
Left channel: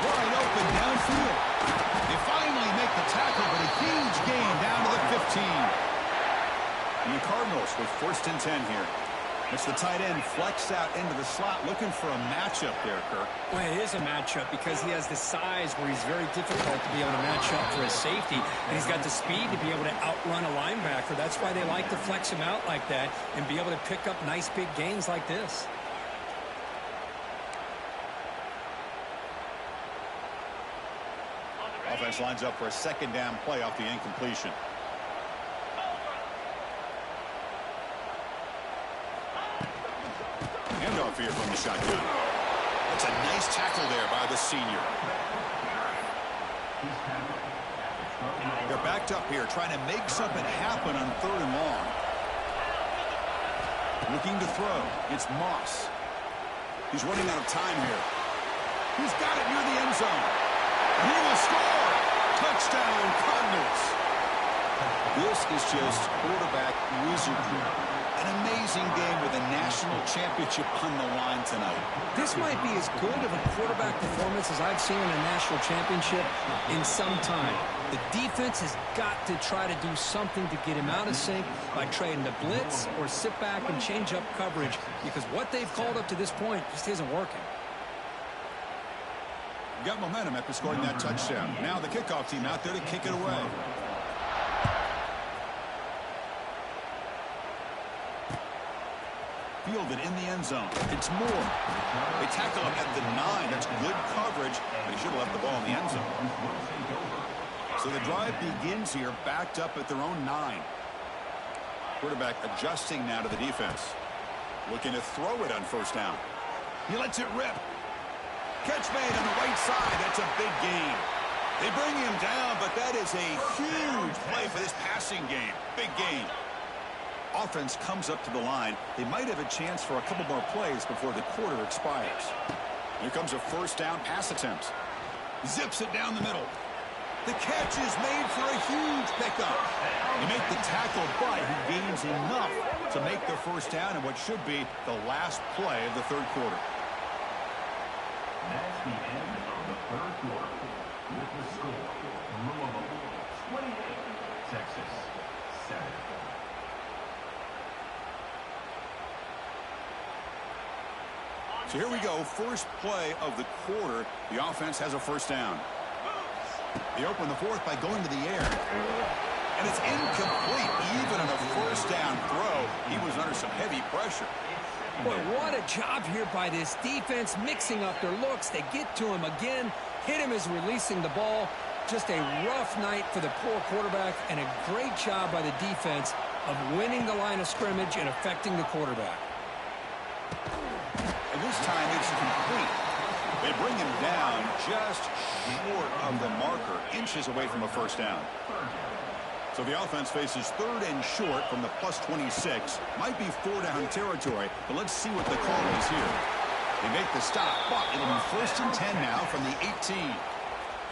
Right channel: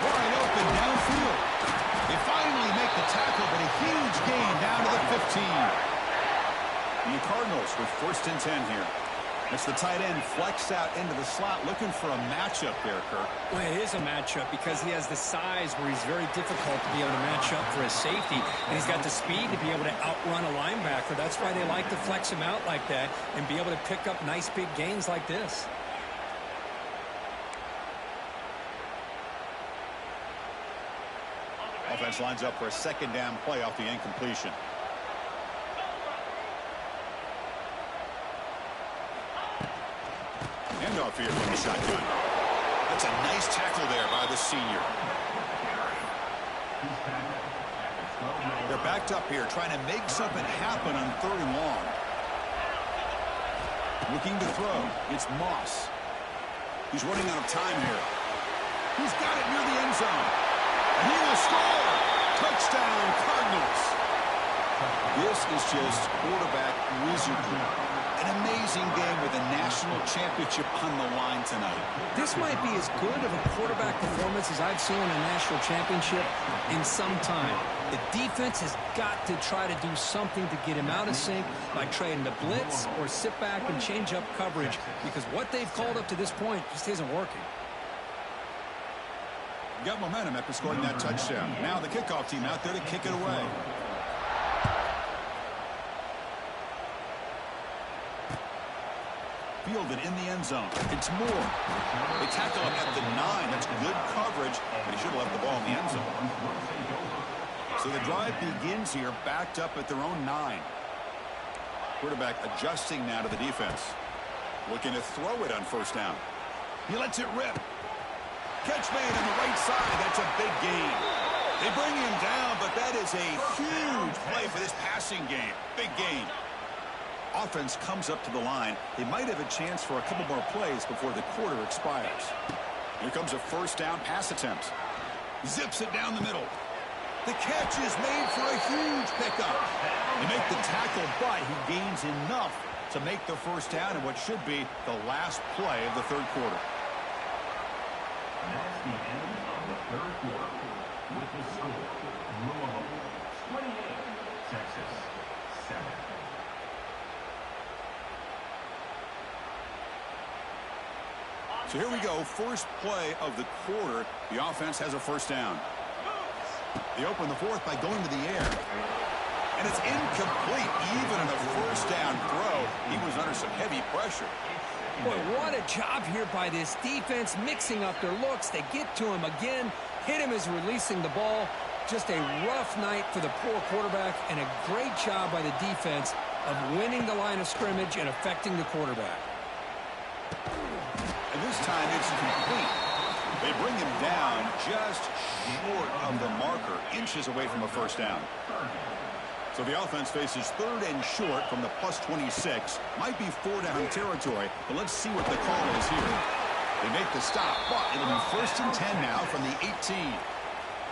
Wide open downfield. They finally make the tackle, but a huge gain down to the 15. And the Cardinals with 1st and 10 here. It's the tight end flexed out into the slot, looking for a matchup there, Kirk. Well, it is a matchup because he has the size where he's very difficult to be able to match up for his safety, and he's got the speed to be able to outrun a linebacker. That's why they like to flex him out like that and be able to pick up nice big gains like this. Offense lines up for a 2nd down play off the incompletion. Handoff here from the shotgun. That's a nice tackle there by the senior. They're backed up here trying to make something happen on 3rd and long. Looking to throw. It's Moss. He's running out of time here. He's got it near the end zone. And he will score. Touchdown, Cardinals. This is just quarterback wizardry. An amazing game with a national championship on the line tonight. This might be as good of a quarterback performance as I've seen in a national championship in some time. The defense has got to try to do something to get him out of sync by trying to blitz or sit back and change up coverage, because what they've called up to this point just isn't working. Got momentum after scoring that touchdown. Now the kickoff team out there to kick it away. Fielded in the end zone. It's Moore. They tackle him at the 9. That's good coverage, but he should have left the ball in the end zone. So the drive begins here, backed up at their own 9. Quarterback adjusting now to the defense. Looking to throw it on 1st down. He lets it rip. Catch made on the right side. That's a big gain. They bring him down, but that is a huge play for this passing game. Big gain. Offense comes up to the line. They might have a chance for a couple more plays before the quarter expires. Here comes a 1st down pass attempt. Zips it down the middle. The catch is made for a huge pickup. They make the tackle, but he gains enough to make the 1st down in what should be the last play of the 3rd quarter. That's the end of the 3rd quarter. With the score, Louisville 28, Texas 7. So here we go, first play of the quarter. The offense has a 1st down. They open the 4th by going to the air. And it's incomplete. Even on a 1st down throw, he was under some heavy pressure. Boy, what a job here by this defense, mixing up their looks. They get to him again, hit him as releasing the ball. Just a rough night for the poor quarterback, and a great job by the defense of winning the line of scrimmage and affecting the quarterback. And this time it's complete. They bring him down just short of the marker, inches away from a 1st down. So the offense faces 3rd and short from the +26. Might be 4-down territory, but let's see what the call is here. They make the stop, but it'll be 1st and 10 now from the 18.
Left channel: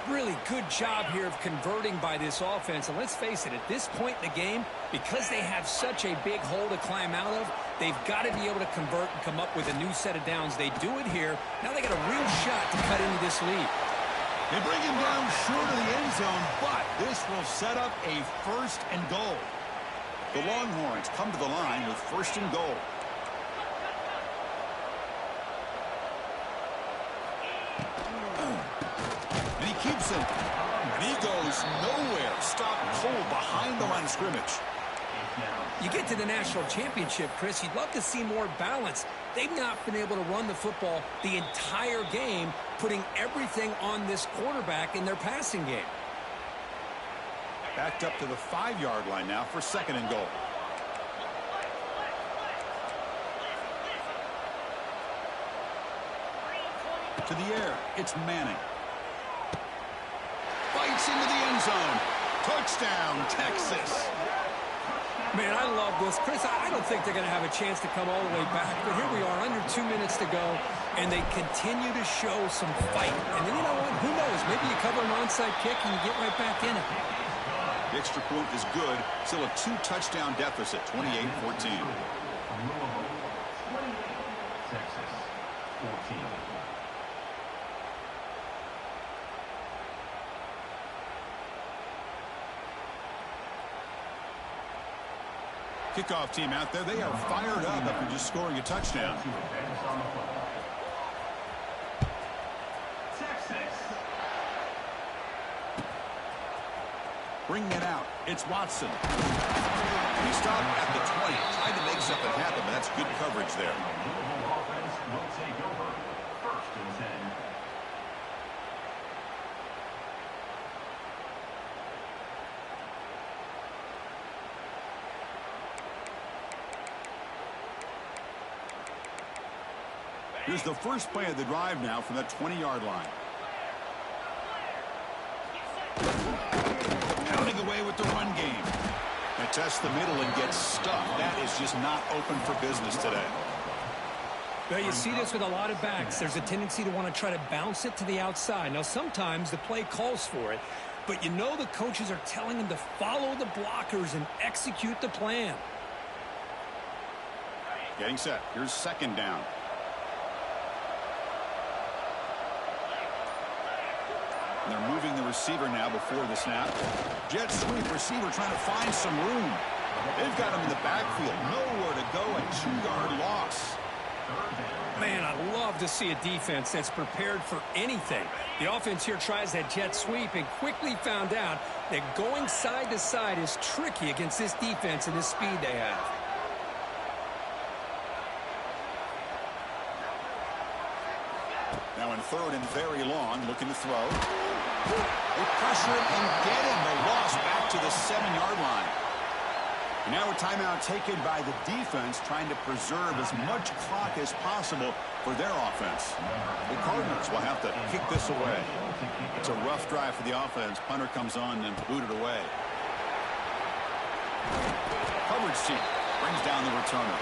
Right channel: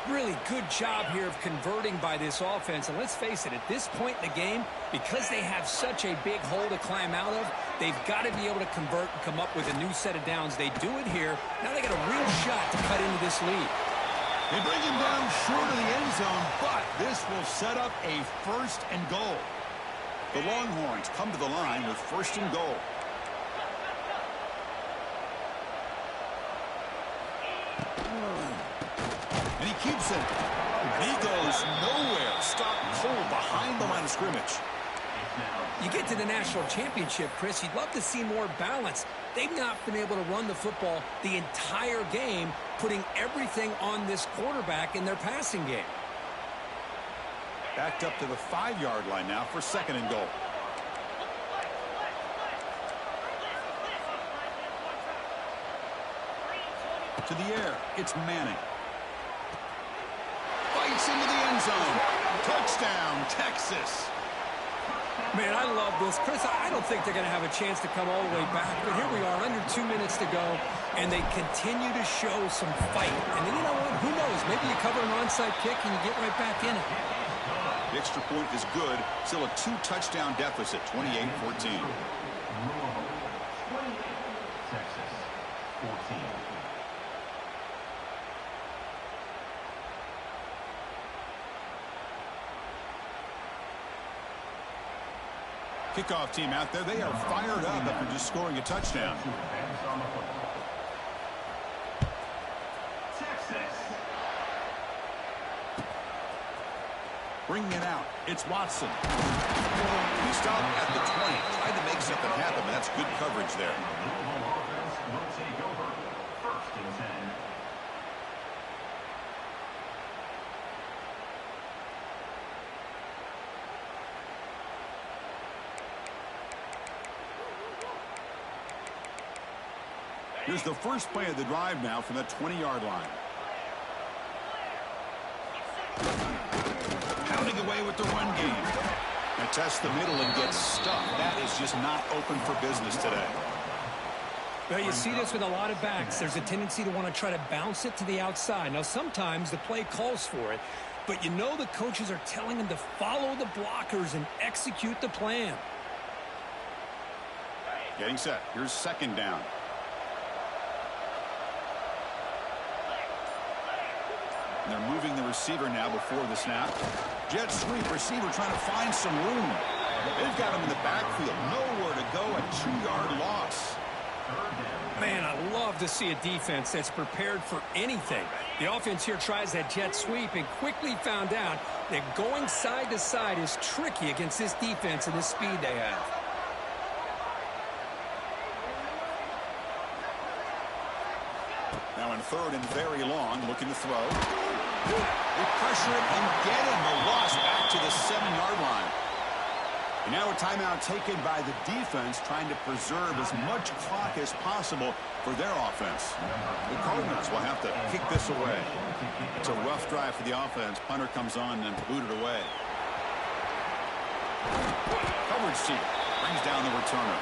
Really good job here of converting by this offense. And let's face it, at this point in the game, because they have such a big hole to climb out of, they've got to be able to convert and come up with a new set of downs. They do it here. Now they got a real shot to cut into this lead. They bring him down short of the end zone, but this will set up a 1st and goal. The Longhorns come to the line with 1st and goal. And he keeps it. And he goes nowhere. Stopped cold behind the line of scrimmage. You get to the national championship, Chris, you'd love to see more balance. They've not been able to run the football the entire game, putting everything on this quarterback in their passing game. Backed up to the 5-yard line now for 2nd and goal. To the air, it's Manning. Fights into the end zone. Touchdown, Texas. Man, I love this. Chris, I don't think they're going to have a chance to come all the way back, but here we are, under 2 minutes to go, and they continue to show some fight. And then, you know what? Who knows? Maybe you cover an onside kick and you get right back in it. The extra point is good. Still a 2-touchdown deficit, 28-14. 28, Texas, 14. Kickoff team out there, they are fired up after just scoring a touchdown. Texas. Bringing it out, it's Watson. He stopped at the 20, tried to make something happen, but that's good coverage there. The Louisville offense will take over 1st and 10. Here's the first play of the drive now from the 20-yard line. Pounding away with the run game. They test the middle and get stuck. That is just not open for business today. Well, you see this with a lot of backs. There's a tendency to want to try to bounce it to the outside. Now, sometimes the play calls for it, but you know the coaches are telling them to follow the blockers and execute the plan. Getting set. Here's 2nd down. And they're moving the receiver now before the snap. Jet sweep, receiver trying to find some room. They've got him in the backfield. Nowhere to go, a 2-yard loss. Man, I love to see a defense that's prepared for anything. The offense here tries that jet sweep and quickly found out that going side to side is tricky against this defense and this speed they have. Now in 3rd and very long, looking to throw. They pressure him and get him. The loss back to the 7-yard line. And now a timeout taken by the defense, trying to preserve as much clock as possible for their offense. The Cardinals will have to kick this away. It's a rough drive for the offense. Punter comes on and booted away. Coverage team brings down the returner.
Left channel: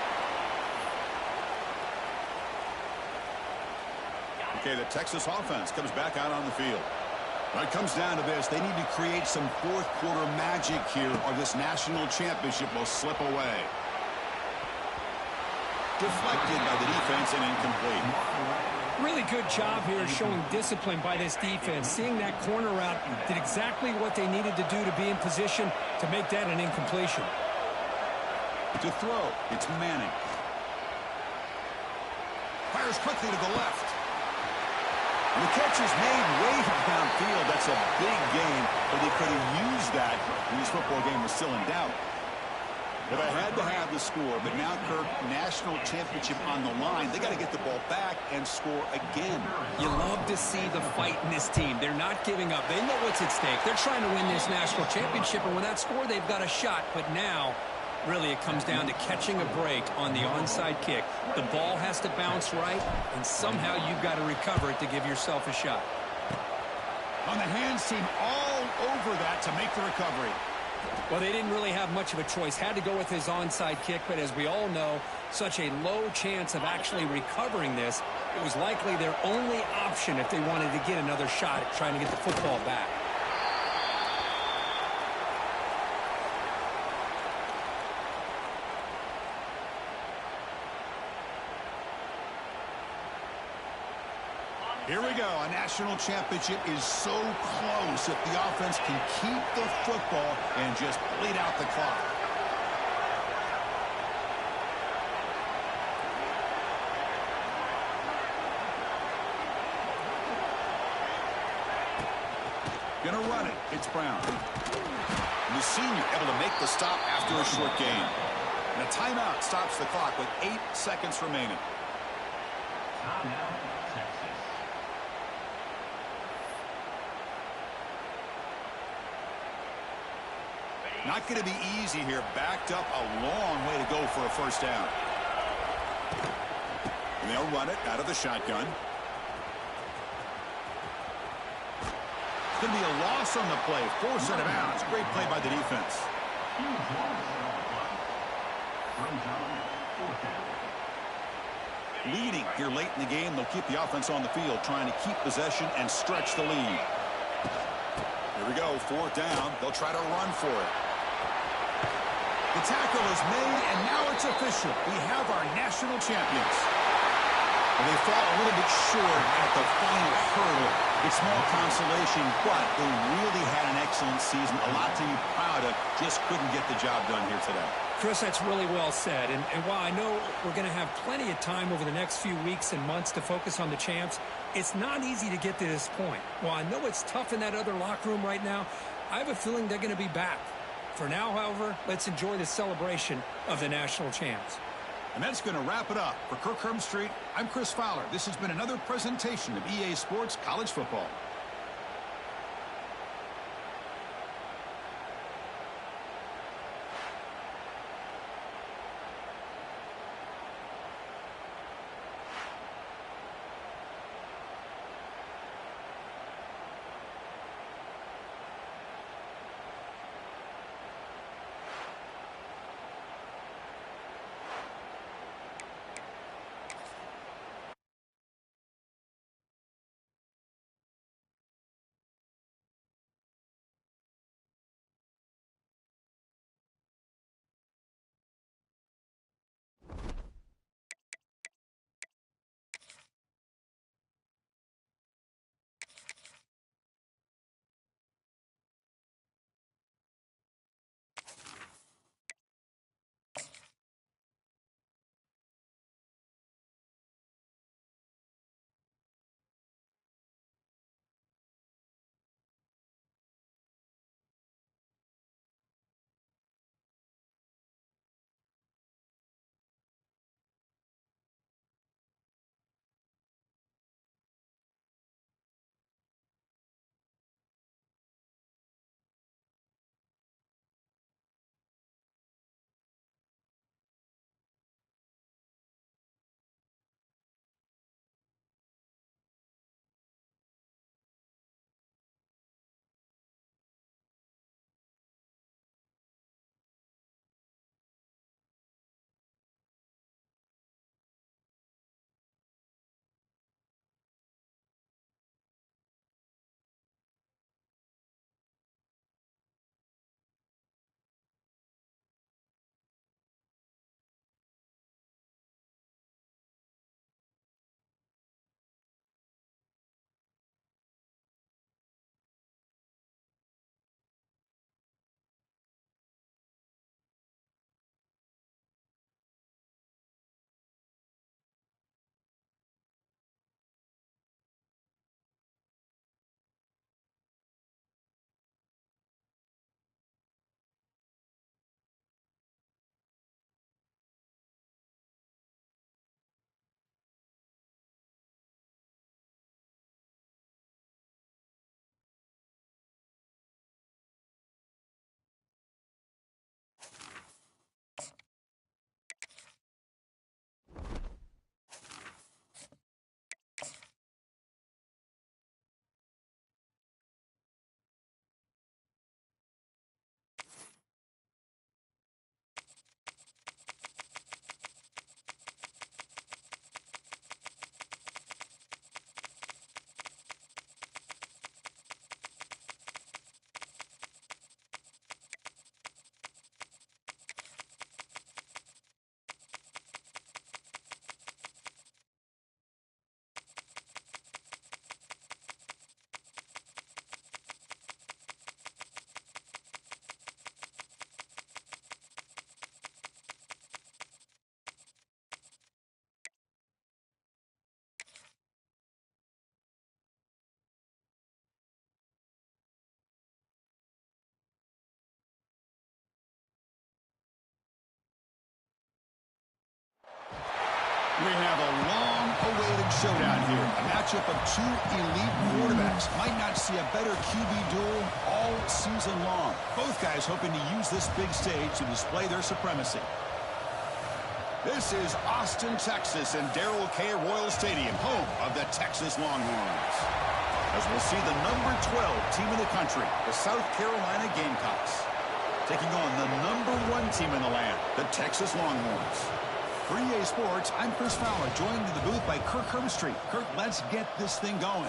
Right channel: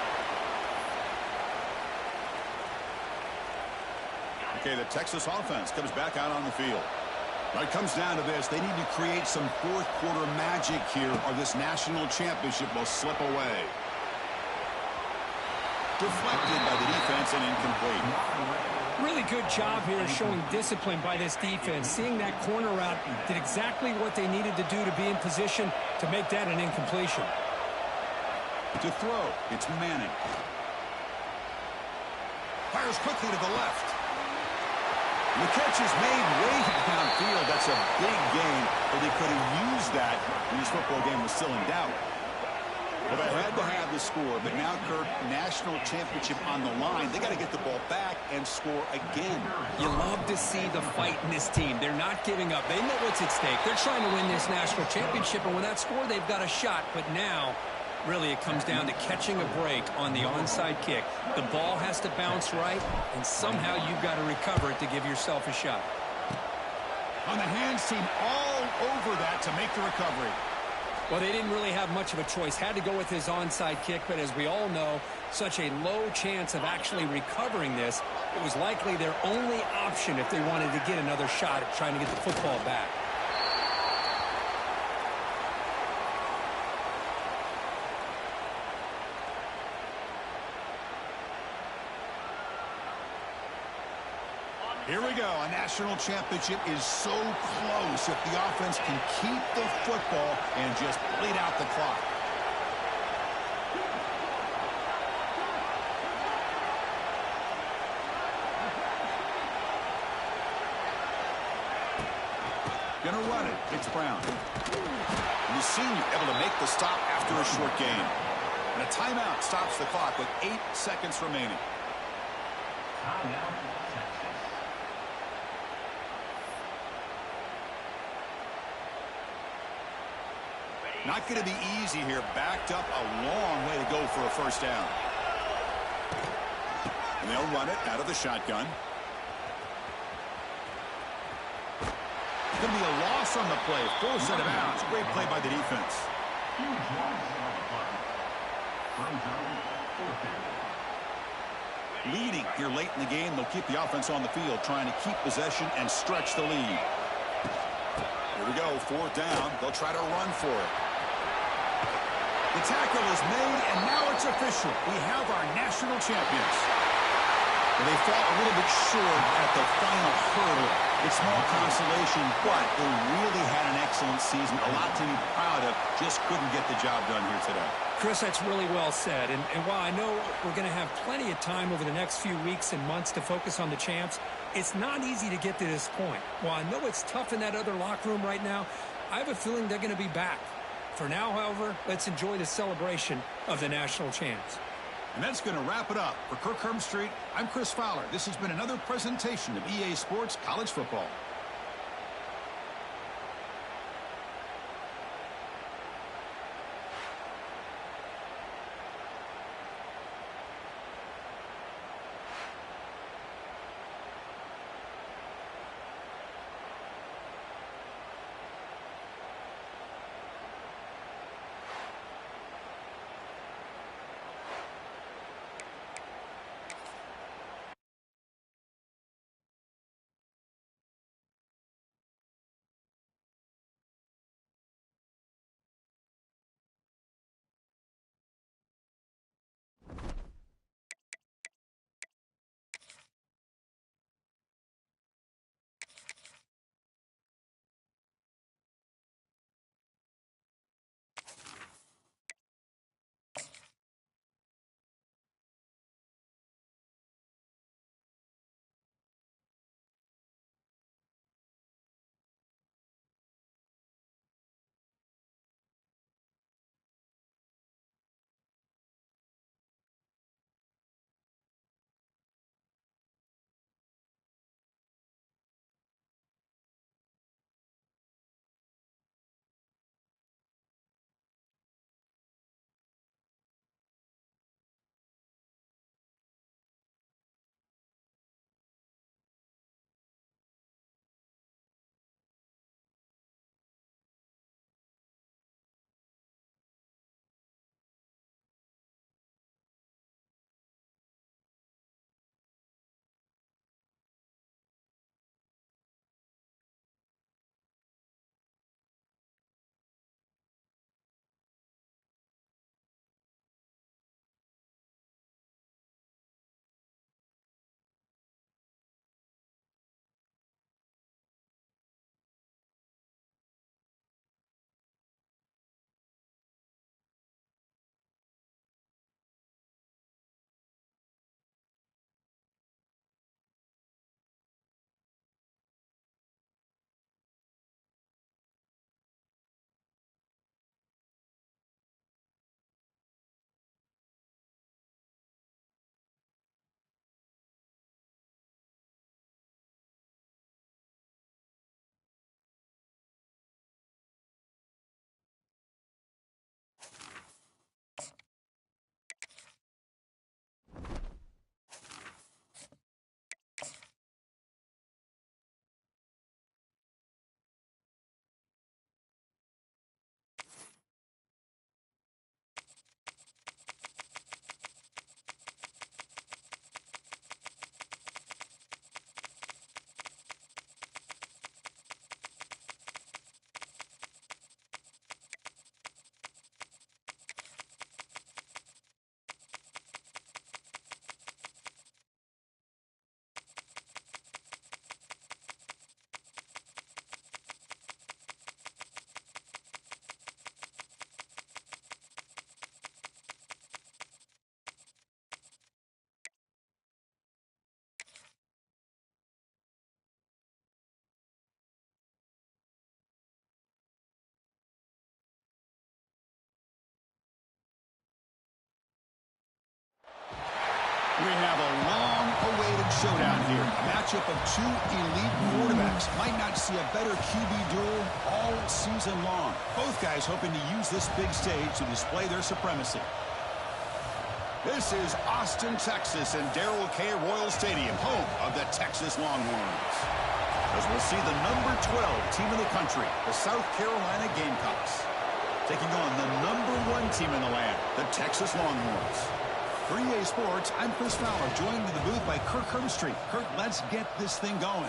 Okay, the Texas offense comes back out on the field. Well, it comes down to this. They need to create some 4th quarter magic here, or this national championship will slip away. Deflected by the defense and incomplete. Really good job here showing discipline by this defense. Seeing that corner route did exactly what they needed to do to be in position to make that an incompletion. To throw, it's Manning. Fires quickly to the left. And the catch is made way downfield. That's a big gain, but they could have used that when this football game was still in doubt. Well, they had to have the score, but now, Kirk, national championship on the line. They got to get the ball back and score again. You love to see the fight in this team. They're not giving up. They know what's at stake. They're trying to win this national championship, and with that score, they've got a shot. But now, really, it comes down to catching a break on the onside kick. The ball has to bounce right, and somehow you've got to recover it to give yourself a shot. On the hands team all over that to make the recovery. Well, they didn't really have much of a choice. Had to go with his onside kick, but as we all know, such a low chance of actually recovering this. It was likely their only option if they wanted to get another shot at trying to get the football back. Here we go. A national championship is so close if the offense can keep the football and just bleed out the clock. Gonna run it. It's Brown. And the senior able to make the stop after a short gain. And a timeout stops the clock with 8 seconds remaining. Timeout, Texas. Not going to be easy here. Backed up a long way to go for a first down. And they'll run it out of the shotgun. It's going to be a loss on the play. Force out of bounds. Great play by the defense. Huge loss on the play. Throws out, fourth down. Leading here late in the game. They'll keep the offense on the field, trying to keep possession and stretch the lead. Here we go. Fourth down. They'll try to run for it. The tackle is made, and now it's official. We have our national champions. And they fall a little bit short at the final hurdle. It's small consolation, but they really had an excellent season. A lot to be proud of. Just couldn't get the job done here today. Chris, that's really well said. And while I know we're going to have plenty of time over the next few weeks and months to focus on the champs, it's not easy to get to this point. While I know it's tough in that other locker room right now, I have a feeling they're going to be back. For now, however, let's enjoy the celebration of the national champs. And that's going to wrap it up. For Kirk Herbstreit, I'm Chris Fowler. This has been another presentation of EA Sports College Football. We have a long-awaited showdown here. A matchup of two elite quarterbacks. Might not see a better QB duel all season long. Both guys hoping to use this big stage to display their supremacy. This is Austin, Texas, and Darrell K. Royal Stadium, home of the Texas Longhorns. As we'll see the number 12 team in the country, the South Carolina Gamecocks, taking on the number 1 team in the land, the Texas Longhorns. For EA Sports, I'm Chris Fowler, joined in the booth by Kirk Herbstreit. Kirk, let's get this thing going.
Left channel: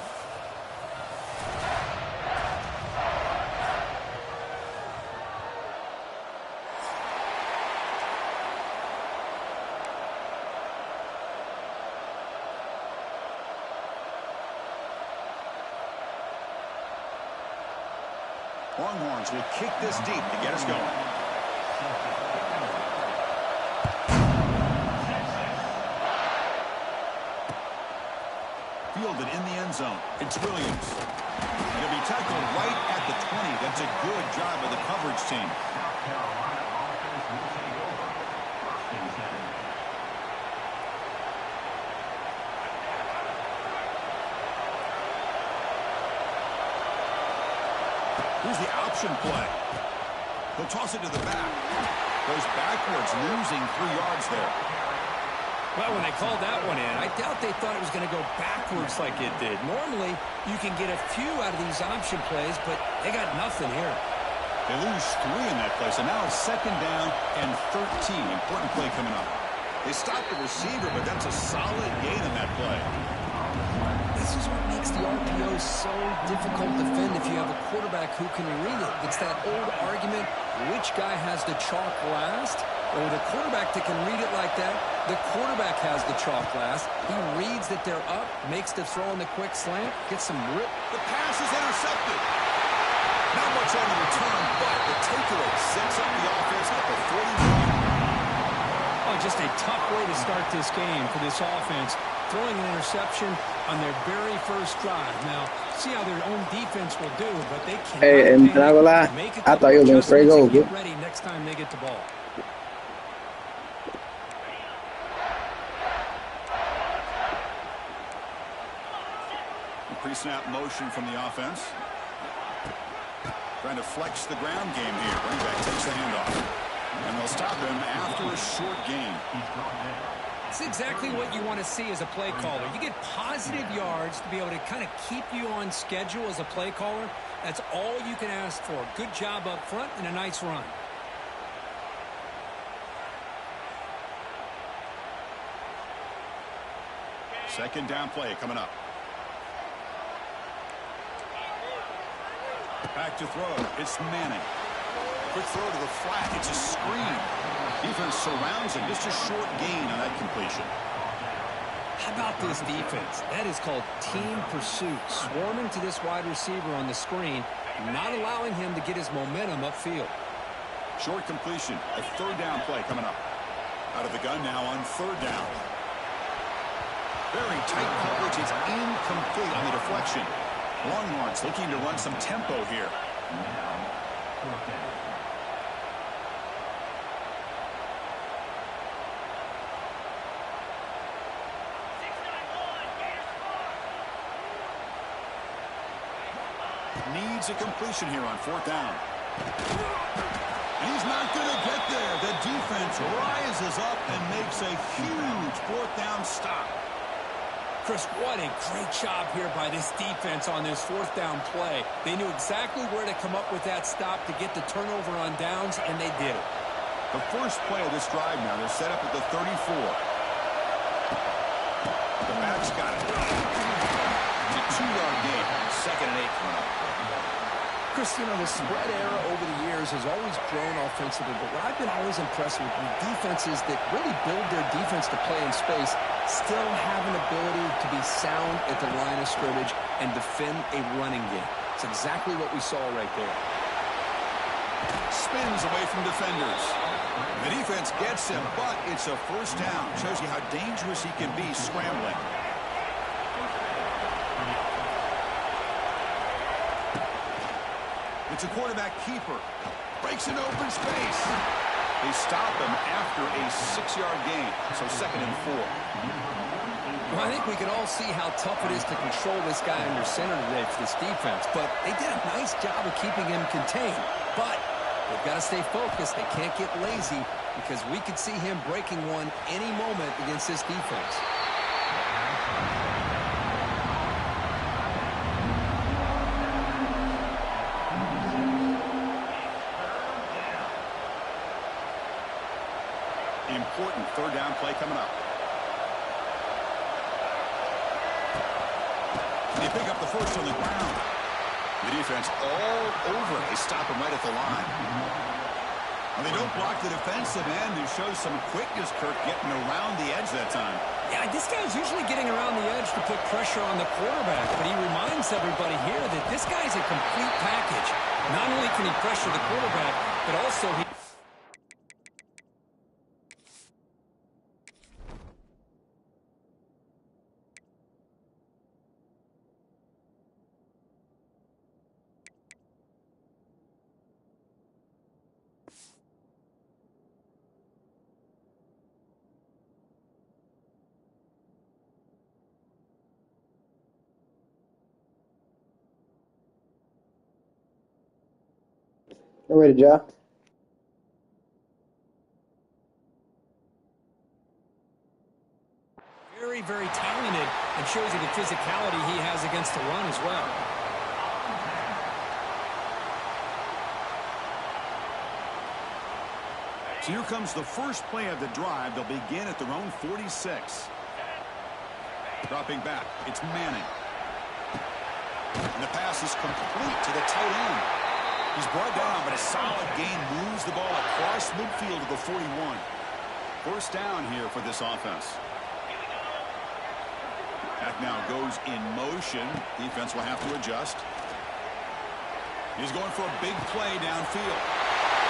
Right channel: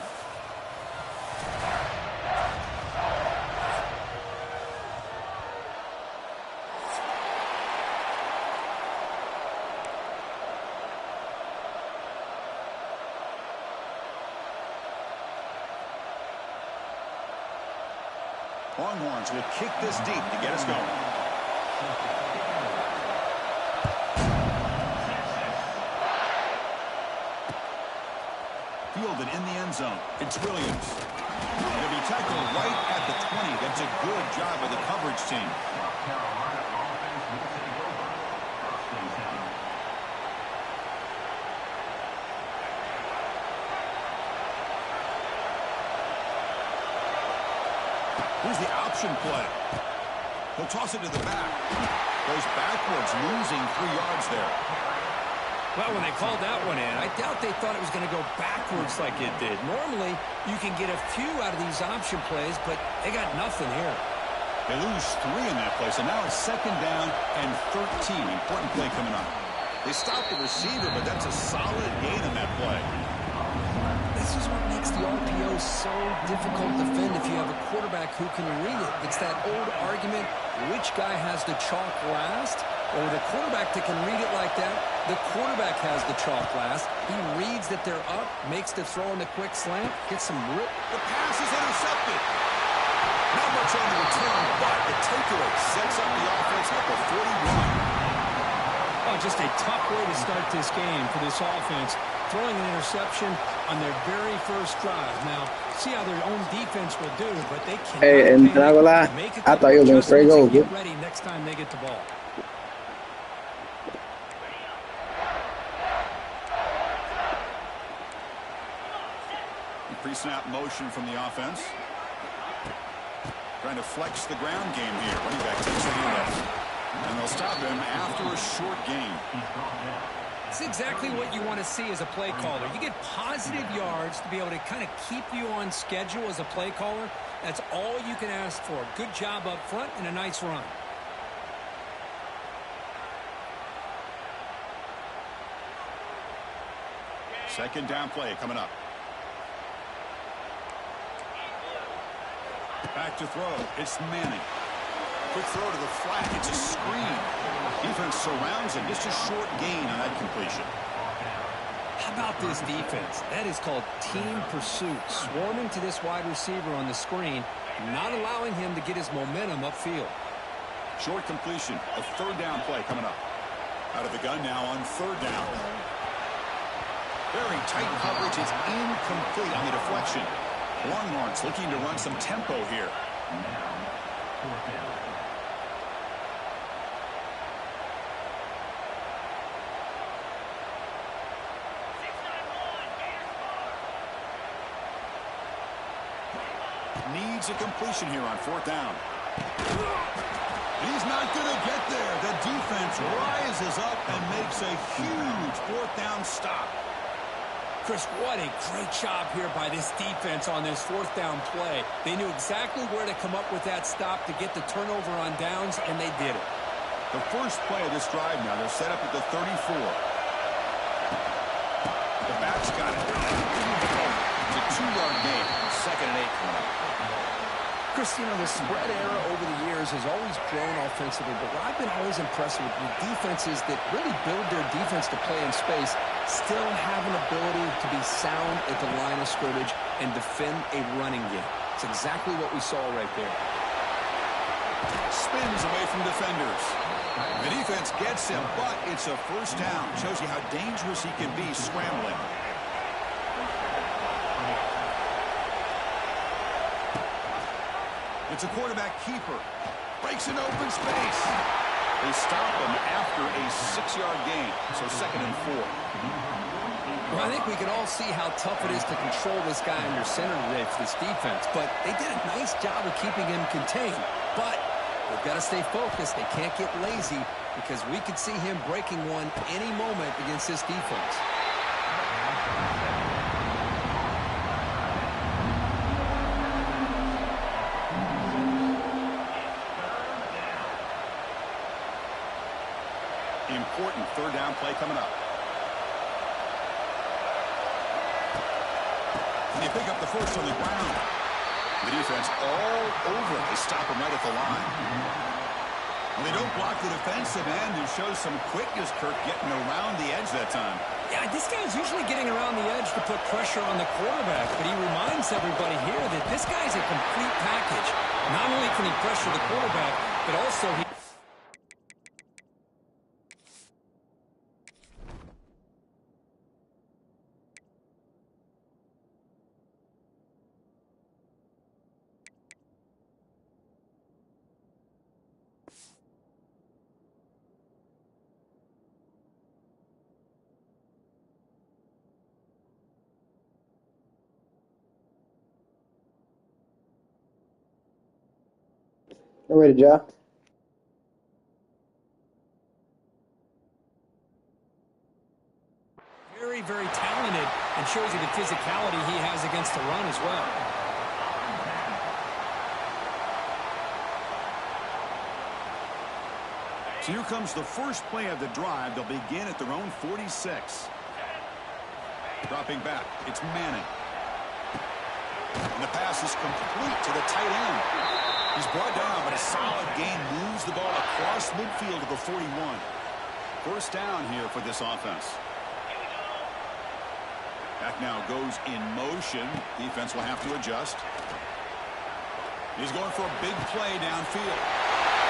Longhorns will kick this deep to get us going. Fielded in the end zone. It's Williams. It'll be tackled right at the 20. That's a good job of the coverage team. South Carolina offense will take over. First and 10. Here's the option play. He'll toss it to the back. Goes backwards, losing 3 yards there. Well, when they called that one in, I doubt they thought it was going to go backwards like it did. Normally, you can get a few out of these option plays, but they got nothing here. They lose 3 in that play, so now it's 2nd down and 13. Important play coming up. They stopped the receiver, but that's a solid gain on that play. This is what makes the RPO so difficult to defend if you have a quarterback who can read it. It's that old argument, which guy has the chalk last? Well, with a quarterback that can read it like that, the quarterback has the chalk last. He reads that they're up, makes the throw in the quick slant, gets some rip. The pass is intercepted. Not much on the return, but the takeaway sets up the offense at the 41. Oh, just a tough way to start this game for this offense. Throwing an interception on their very first drive. Now, see how their own defense will do, but they can't. Hey, and not gonna lie, I thought he was gonna straight go. Get ready next time they get the ball. Pre-snap motion from the offense. Trying to flex the ground game here. Running back takes the handoff. And they'll stop him after a short gain. It's exactly what you want to see as a play caller. You get positive yards to be able to kind of keep you on schedule as a play caller. That's all you can ask for. Good job up front and a nice run. Second down play coming up. Back to throw. It's Manning. Quick throw to the flat. It's a screen. Defense surrounds him. Just a short gain on that completion. How about this defense? That is called team pursuit. Swarming to this wide receiver on the screen, not allowing him to get his momentum upfield. Short completion. A 3rd down play coming up. Out of the gun now on 3rd down. Very tight coverage. It's incomplete on the deflection. Longhorns looking to run some tempo here. Now, 4th down. Needs a completion here on 4th down. And he's not going to get there. The defense rises up and makes a huge 4th down stop. Chris, what a great job here by this defense on this 4th down play. They knew exactly where to come up with that stop to get the turnover on downs, and they did it. The first play of this drive now, they're set up at the 34. The back's got it. It's a 2-yard gain. 2nd and 8 coming up. Chris, you know, the spread era over the years has always grown offensively, but what I've been always impressed with defenses that really build their defense to play in space still have an ability to be sound at the line of scrimmage and defend a running game. It's exactly what we saw right there. Spins away from defenders. The defense gets him, but it's a 1st down. Shows you how dangerous he can be scrambling. It's a quarterback keeper. Breaks an open space. They stop him after a 6-yard gain, so 2nd and 4. Well, I think we can all see how tough it is to control this guy under center today for this defense, but they did a nice job of keeping him contained. But they've got to stay focused. They can't get lazy because we could see him breaking one any moment against this defense. Important 3rd down play coming up. They pick up the first on the ground. The defense all over it. They stop him right at the line. Well, they don't block the defensive end, who shows some quickness, Kirk, getting around the edge that time. Yeah, this guy's usually getting around the edge to put pressure on the quarterback, but he reminds everybody here that this guy's a complete package. Not only can he pressure the quarterback, but also he... I'm ready, Ja. Very, very talented, and shows you the physicality he has against the run as well. So here comes the first play of the drive. They'll begin at their own 46. Dropping back, it's Manning. And the pass is complete to the tight end. He's brought down, but a solid gain moves the ball across midfield to the 41. First down here for this offense. Back now goes in motion. Defense will have to adjust. He's going for a big play downfield.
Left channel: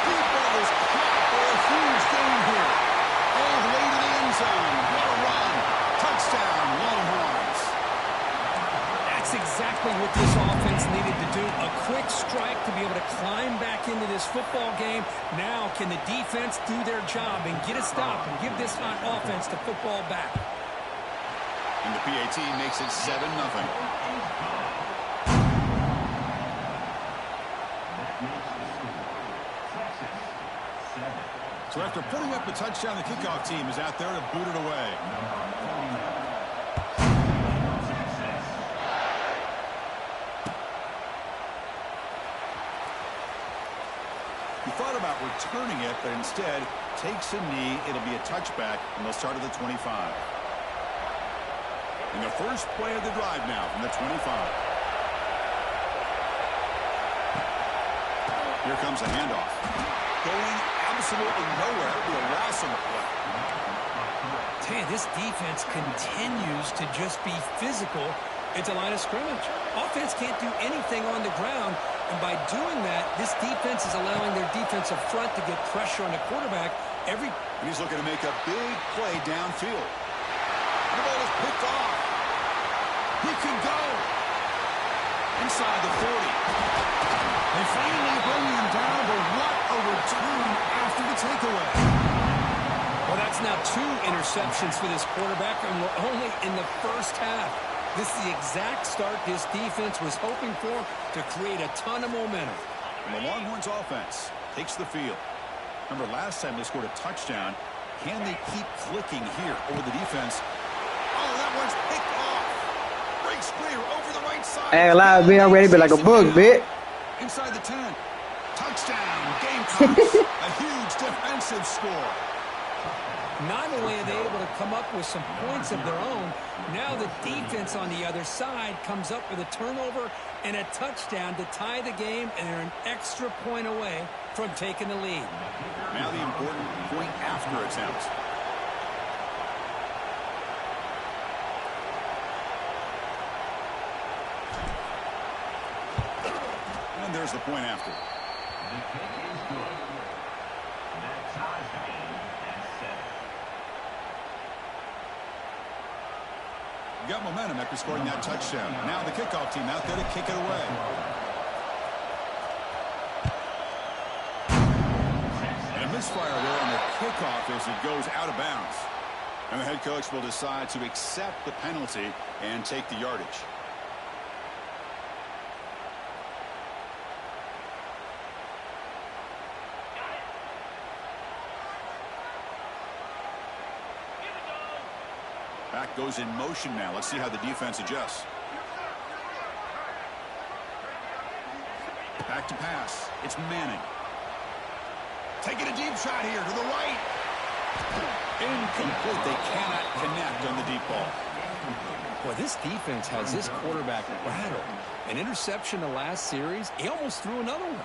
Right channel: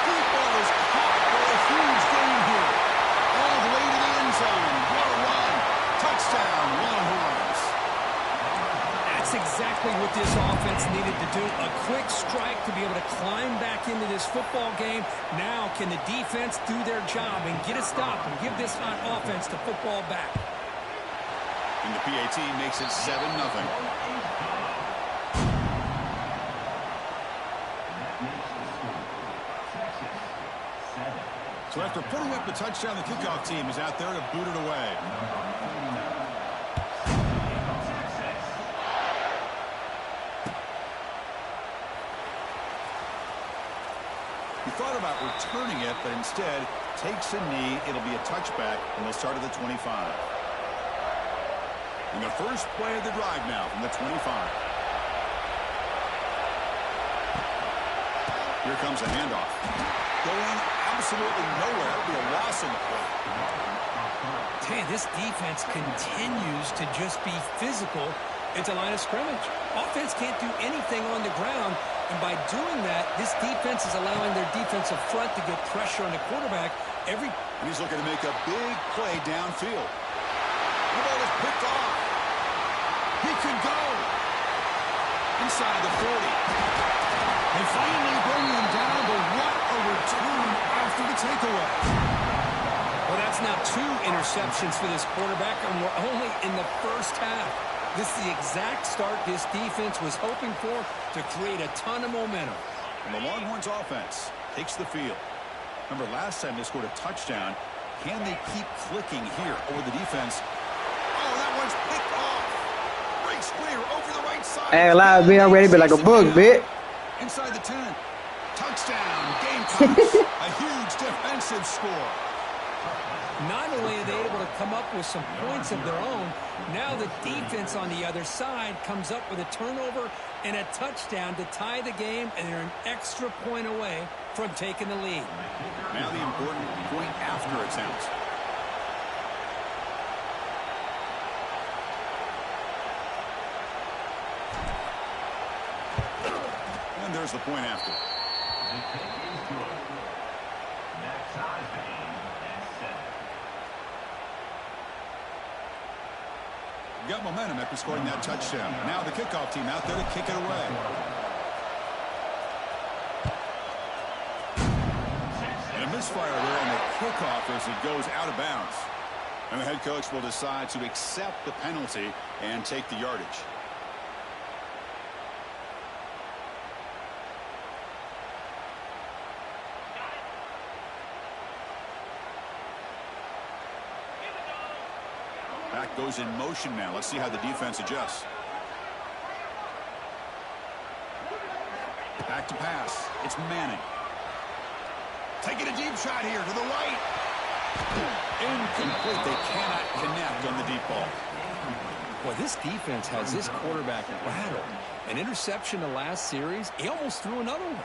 Deep ball is caught for a huge gain here. All the way to the end zone. What a run. Touchdown, Longhorns. That's exactly what this offense needed to do. A quick strike to be able to climb back into this football game. Now can the defense do their job and get a stop and give this hot offense the football back? And the PAT makes it 7-0. So after putting up the touchdown, the kickoff team is out there to boot it away. He thought about returning it, but instead takes a knee. It'll be a touchback, and they'll start at the 25. And the first play of the drive now from the 25. Here comes a handoff. Going absolutely nowhere. It'll be a loss on the play. Tell you, this defense continues to just be physical at the line of scrimmage. Offense can't do anything on the ground, and by doing that, this defense is allowing their defensive front to get pressure on the quarterback. And he's looking to make a big play downfield. The ball is picked off. He could go inside the 40. They finally bring him down, but what a return after the takeaway. Well, that's now 2 interceptions for this quarterback, and we're only in the first half. This is the exact start this defense was hoping for to create a ton of momentum. And the Longhorns offense takes the field. Remember, last time they scored a touchdown. Can they keep clicking here over the defense? Oh, that one's picked off. Breaks clear over the right side. Hey, live, man, I'm ready to be like a bug, bitch. Inside the 10. Touchdown, Gamecocks. A huge defensive score. Not only are they able to come up with some points of their own, now the defense on the other side comes up with a turnover and a touchdown to tie the game, and they're an extra point away from taking the lead. Now the important point after attempt. And there's the point after. The kick is good. That ties the game at 7. Got momentum after scoring that touchdown. Now the kickoff team out there to kick it away. And a misfire there on the kickoff as it goes out of bounds. And the head coach will decide to accept the penalty and take the yardage. Back goes in motion now. Let's see how the defense adjusts. Back to pass. It's Manning. Taking a deep shot here to the right. Incomplete. They cannot connect on the deep ball. Boy, this defense has this quarterback rattled. An interception the last series. He almost threw another one.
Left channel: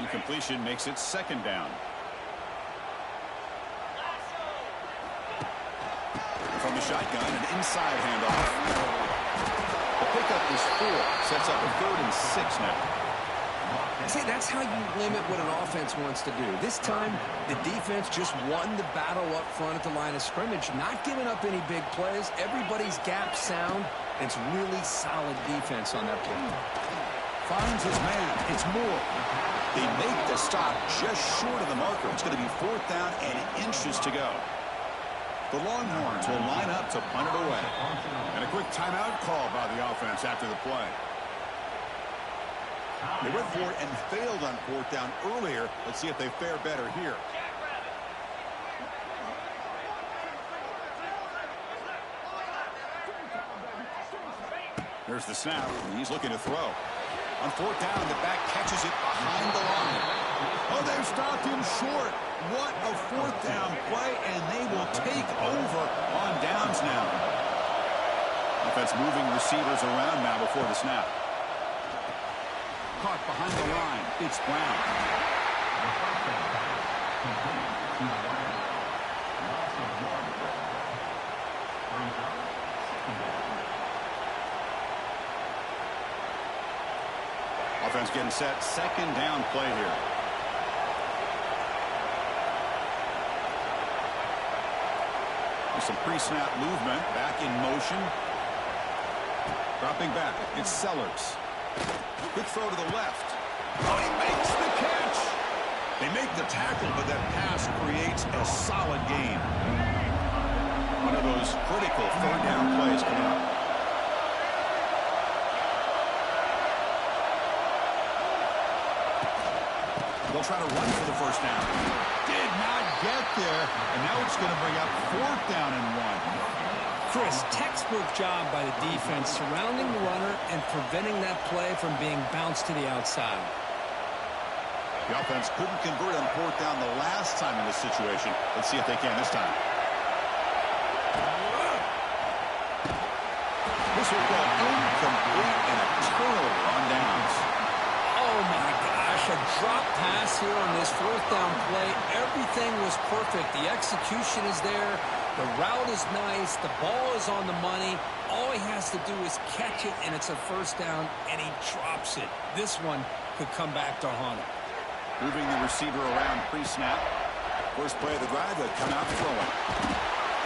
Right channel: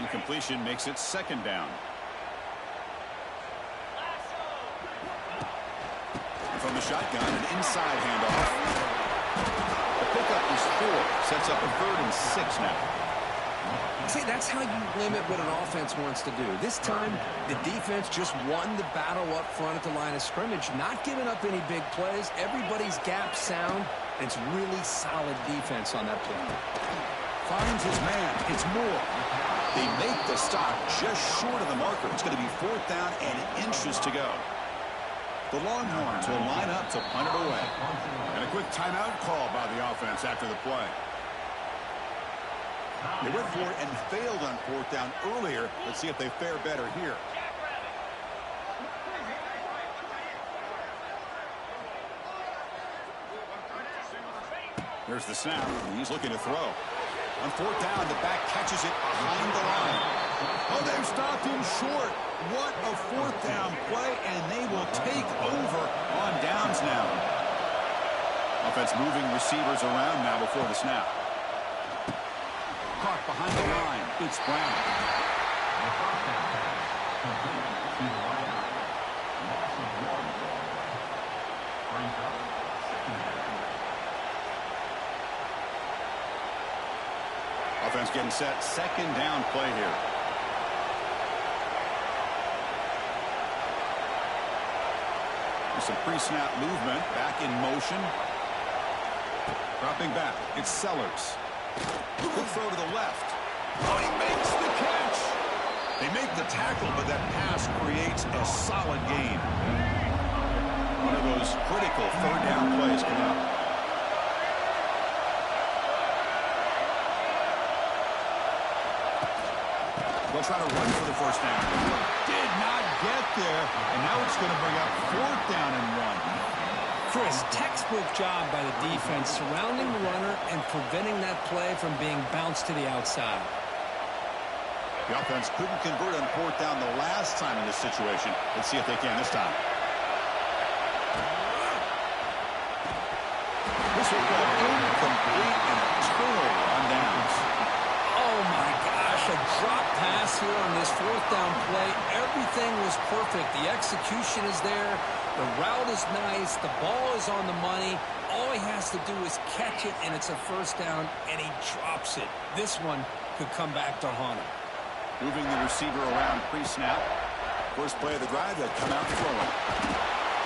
Incompletion makes it second down. From the shotgun, an inside handoff. The pickup is 4. Sets up a 3rd and 6 now. See, that's how you limit what an offense wants to do. This time, the defense just won the battle up front at the line of scrimmage, not giving up any big plays. Everybody's gap sound, and it's really solid defense on that play. Finds his man. It's Moore. They make the stop just short of the marker. It's going to be 4th down and inches to go. The Longhorns will line up to punt it away. And a quick timeout call by the offense after the play. They went for it and failed on 4th down earlier. Let's see if they fare better here. There's the snap, and he's looking to throw. On 4th down, the back catches it behind the line. Oh, they've stopped him short. What a 4th down play, and they will take over on downs now. Offense moving receivers around now before the snap. Caught behind the line. It's Brown. The first down pass complete to the wide out. Loss of 1. Brings up second down. Offense getting set. Second down play here. There's some pre-snap movement. Back in motion. Dropping back. It's Sellers. Quick throw to the left. Oh, he makes the catch. They make the tackle, but that pass creates a solid gain. One of those critical 3rd down plays coming up. They'll try to run for the first down. Did not get there, and now it's going to bring up 4th down and 1. Chris, textbook job by the defense surrounding the runner and preventing that play from being bounced to the outside. The offense couldn't convert on 4th down the last time in this situation. Let's see if they can this time. This will go incomplete and a turnover on downs. Oh, my gosh, a drop pass here on this 4th down play. Everything was perfect. The execution is there. The route is nice. The ball is on the money. All he has to do is catch it, and it's a first down, and he drops it. This one could come back to haunt him. Moving the receiver around pre-snap. First play of the drive, they come out throwing.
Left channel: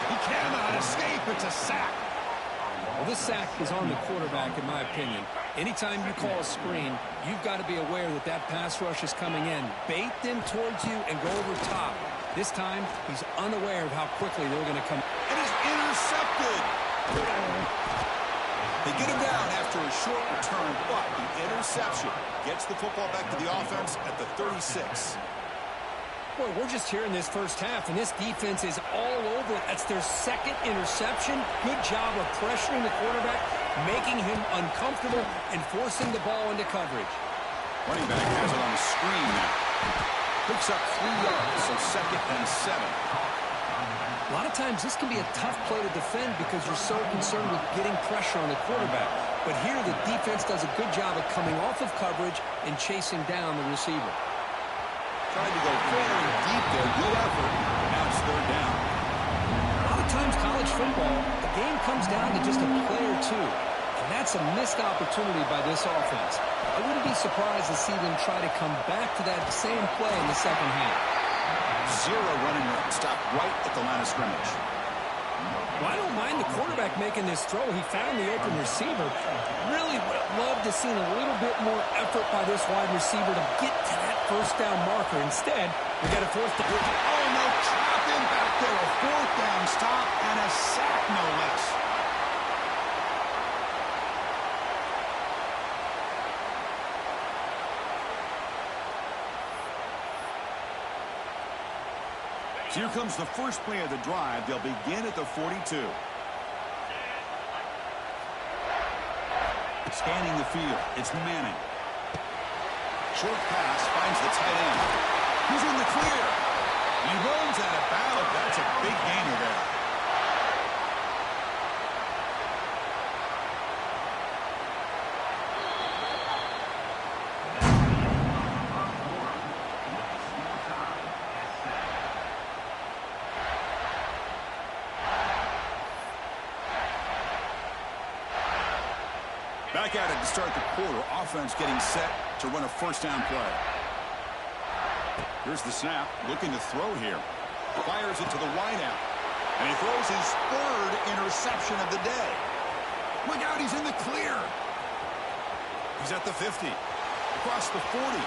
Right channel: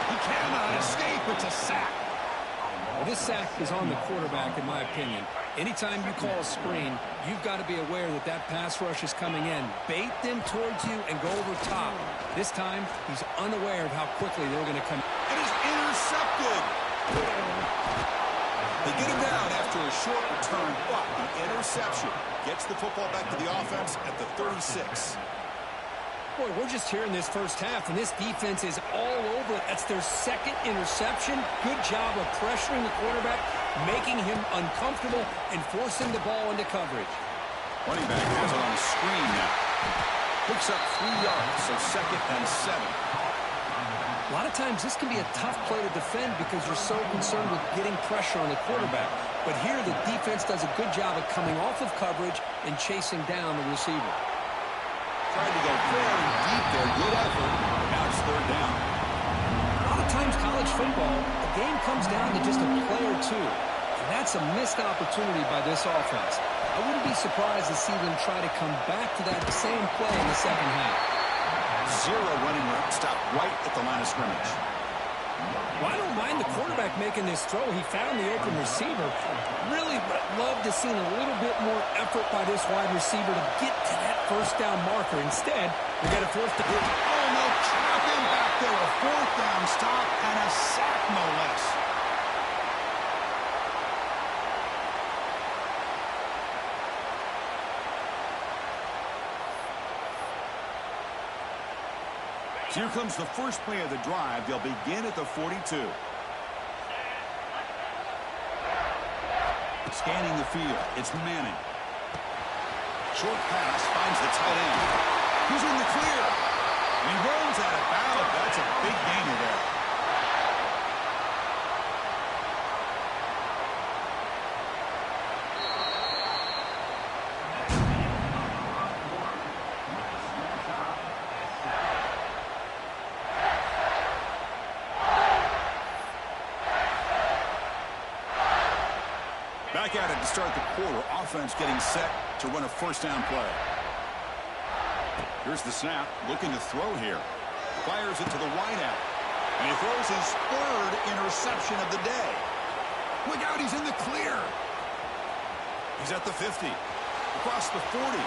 He cannot escape. It's a sack. Well, this sack is on the quarterback, in my opinion. Anytime you call a screen, you've got to be aware that that pass rush is coming in. Bait them towards you and go over top. This time, he's unaware of how quickly they're going to come. It is intercepted. They get him down after a short return, but the interception gets the football back to the offense at the 36. Boy, we're just here in this first half, and this defense is all over it. That's their 2nd interception. Good job of pressuring the quarterback, making him uncomfortable, and forcing the ball into coverage. Running back has it on the screen now. Picks up 3 yards, so 2nd and 7. A lot of times this can be a tough play to defend because you're so concerned with getting pressure on the quarterback. But here the defense does a good job of coming off of coverage and chasing down the receiver. Tried to go very deep there. Good effort. But now it's 3rd down. A lot of times college football, the game comes down to just a play or two. And that's a missed opportunity by this offense. I wouldn't be surprised to see them try to come back to that same play in the second half. 0 running room. Stopped right at the line of scrimmage. Well, I don't mind the quarterback making this throw. He found the open receiver. Really would have loved to seen a little bit more effort by this wide receiver to get to that first down marker. Instead, we got a fourth down. Oh, no, trap him back there. A fourth down stop and a sack, no less. So here comes the first play of the drive. They'll begin at the 42. Scanning the field. It's Manning. Short pass finds the tight end. He's in the clear. And he runs out of bounds. That's a big gainer there. Back at it to start the quarter. Offense getting set to run a first down play. Here's the snap. Looking to throw here. Fires it to the wideout. And he throws his third interception of the day. Look out, he's in the clear. He's at the 50. Across the 40.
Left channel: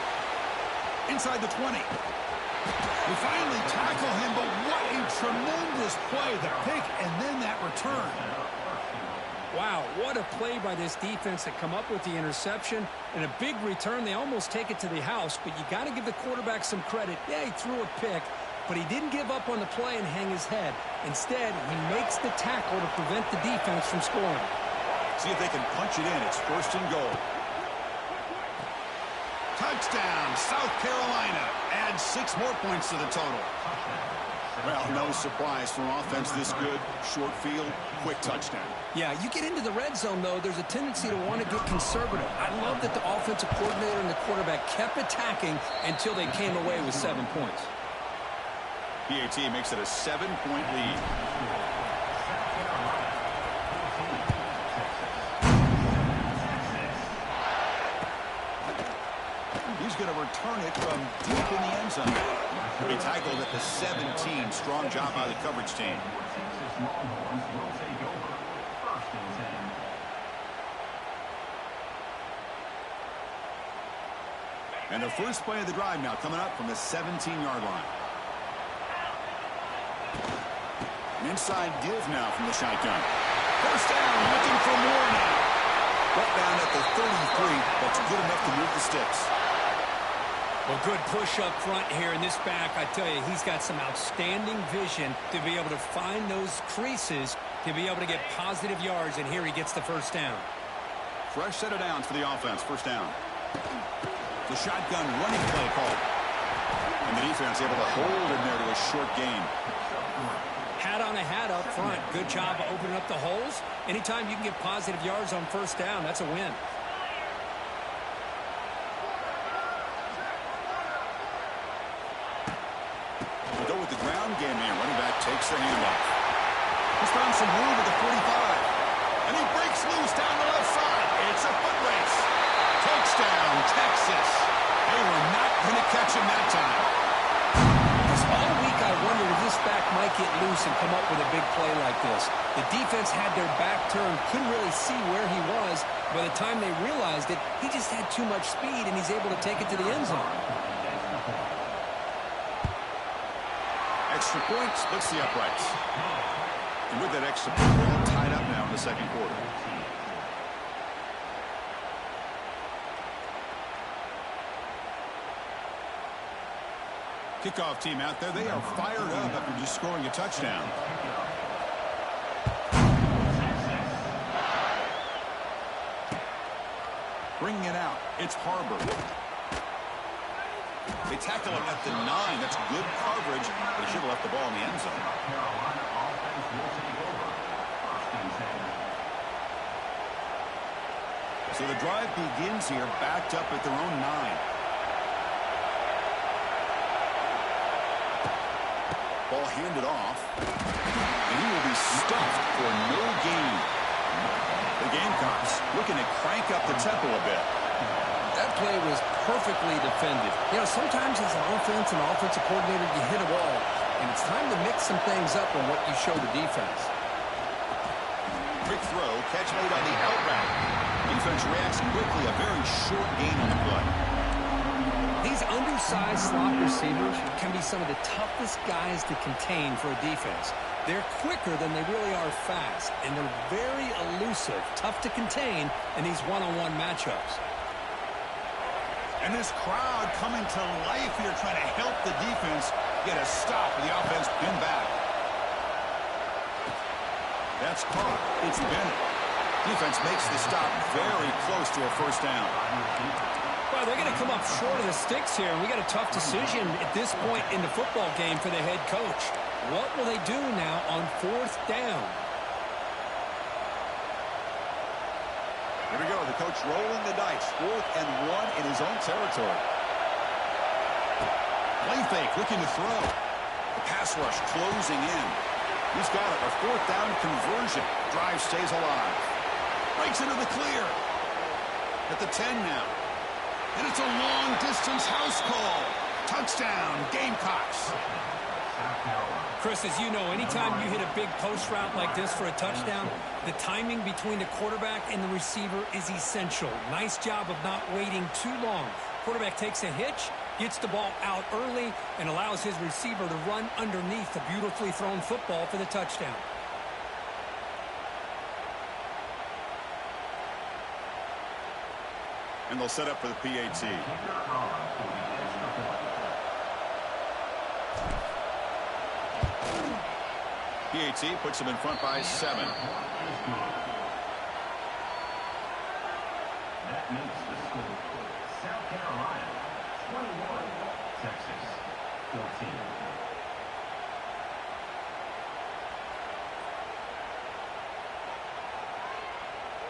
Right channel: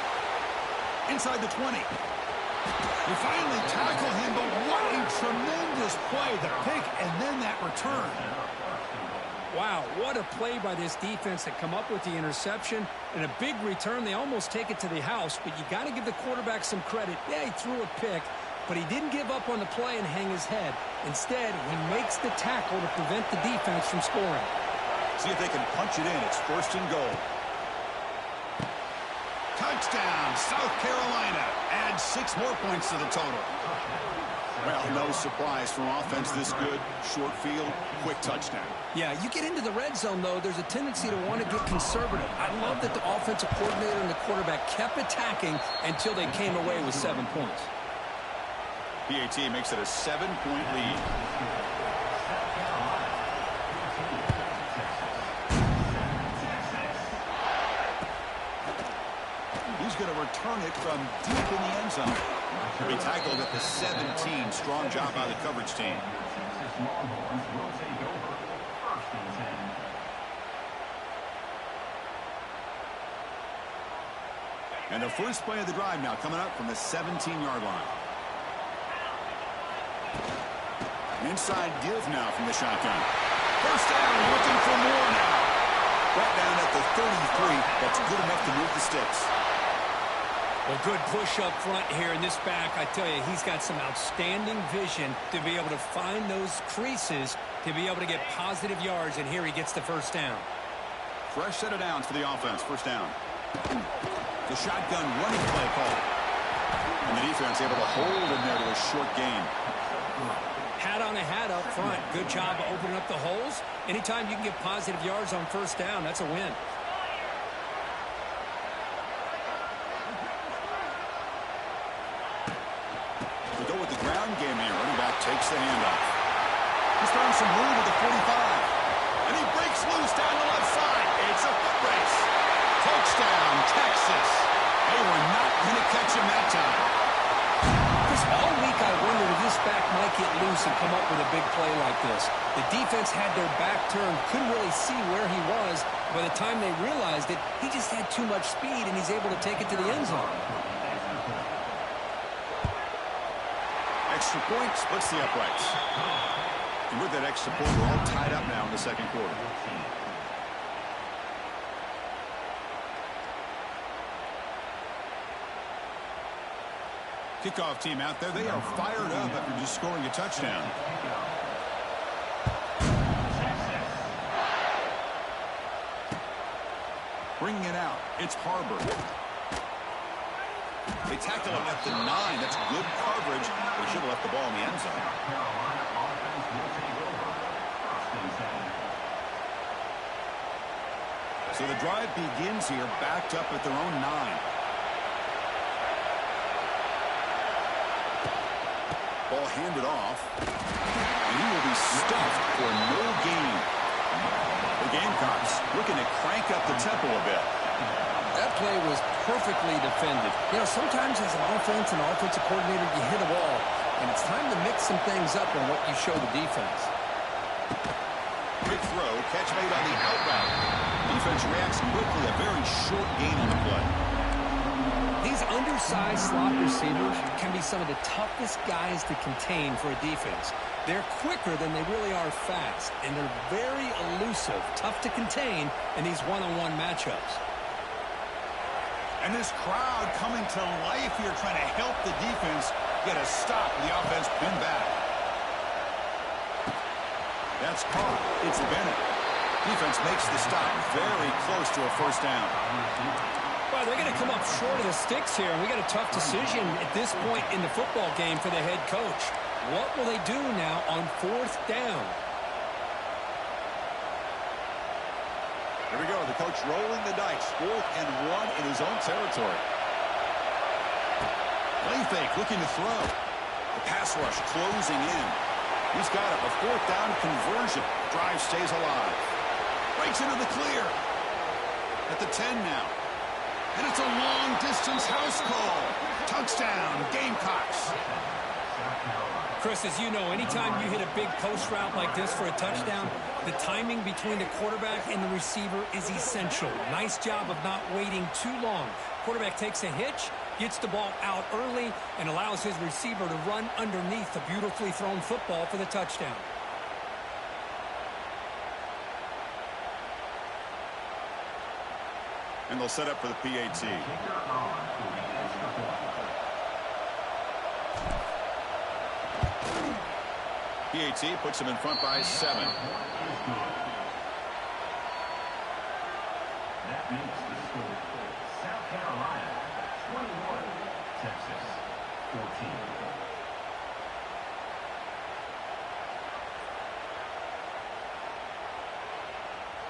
Inside the 20. We finally tackle him, but what a tremendous play. The pick and then that return. Wow, what a play by this defense to come up with the interception and a big return. They almost take it to the house, but you got to give the quarterback some credit. Yeah, he threw a pick, but he didn't give up on the play and hang his head. Instead, he makes the tackle to prevent the defense from scoring. See if they can punch it in. It's first and goal. Touchdown, South Carolina. Adds 6 more points to the total. Well, no surprise for offense this good. Short field, quick touchdown. Yeah, you get into the red zone, though, there's a tendency to want to get conservative. I love that the offensive coordinator and the quarterback kept attacking until they came away with 7 points. PAT makes it a 7-point lead. He's going to return it from deep in the end zone. He'll be tackled at the 17. Strong job by the coverage team. And the first play of the drive now coming up from the 17-yard line. An inside give now from the shotgun. First down, looking for more now. Brought down at the 33. That's good enough to move the sticks. Well, good push up front here in this back. I tell you, he's got some outstanding vision to be able to find those creases, to be able to get positive yards, and here he gets the first down. Fresh set of downs for the offense. First down. The shotgun running play call. And the defense able to hold in there to a short gain. Hat on a hat up front. Good job of opening up the holes. Anytime you can get positive yards on first down, that's a win. We go with the ground game here. Running back takes the handoff. He's found some room at the 45. And he breaks loose down the left side. It's a foot race. Touchdown, Texas. They were not going to catch him that time. Because all week I wondered if this back might get loose and come up with a big play like this. The defense had their back turned, couldn't really see where he was. By the time they realized it, he just had too much speed, and he's able to take it to the end zone. Extra point splits the uprights. And with that extra point, we're all tied up now in the second quarter. Kickoff team out there. They are fired up after just scoring a touchdown. Bringing it out. It's Harbor. They tackle him at the 9. That's good coverage. They should have left the ball in the end zone. So the drive begins here, backed up at their own 9. Ball handed off. And he will be stuffed for no gain. The Gamecocks looking to crank up the tempo a bit. That play was perfectly defended. You know, sometimes as an offensive coordinator, you hit a wall, and it's time to mix some things up on what you show the defense. throw. Catch made on the out route. Defense reacts quickly. A very short gain on the play. These undersized slot receivers can be some of the toughest guys to contain for a defense. They're quicker than they really are fast, and they're very elusive, tough to contain in these one-on-one matchups. And this crowd coming to life here, trying to help the defense get a stop with the offense pinned back. That's caught. It's Bennett. Defense makes the stop very close to a first down. Well, they're going to come up short of the sticks here, and we got a tough decision at this point in the football game for the head coach. What will they do now on fourth down? Here we go. The coach rolling the dice. 4th and 1 in his own territory. Play fake, looking to throw. The pass rush closing in. He's got it. A 4th down conversion. Drive stays alive. Breaks into the clear. At the 10 now. And it's a long-distance house call. Touchdown, Gamecocks. Chris, as you know, anytime you hit a big post route like this for a touchdown, the timing between the quarterback and the receiver is essential. Nice job of not waiting too long. Quarterback takes a hitch, gets the ball out early, and allows his receiver to run underneath the beautifully thrown football for the touchdown. And they'll set up for the PAT. PAT puts them in front by 7. That makes the score. South Carolina 21, Texas 14.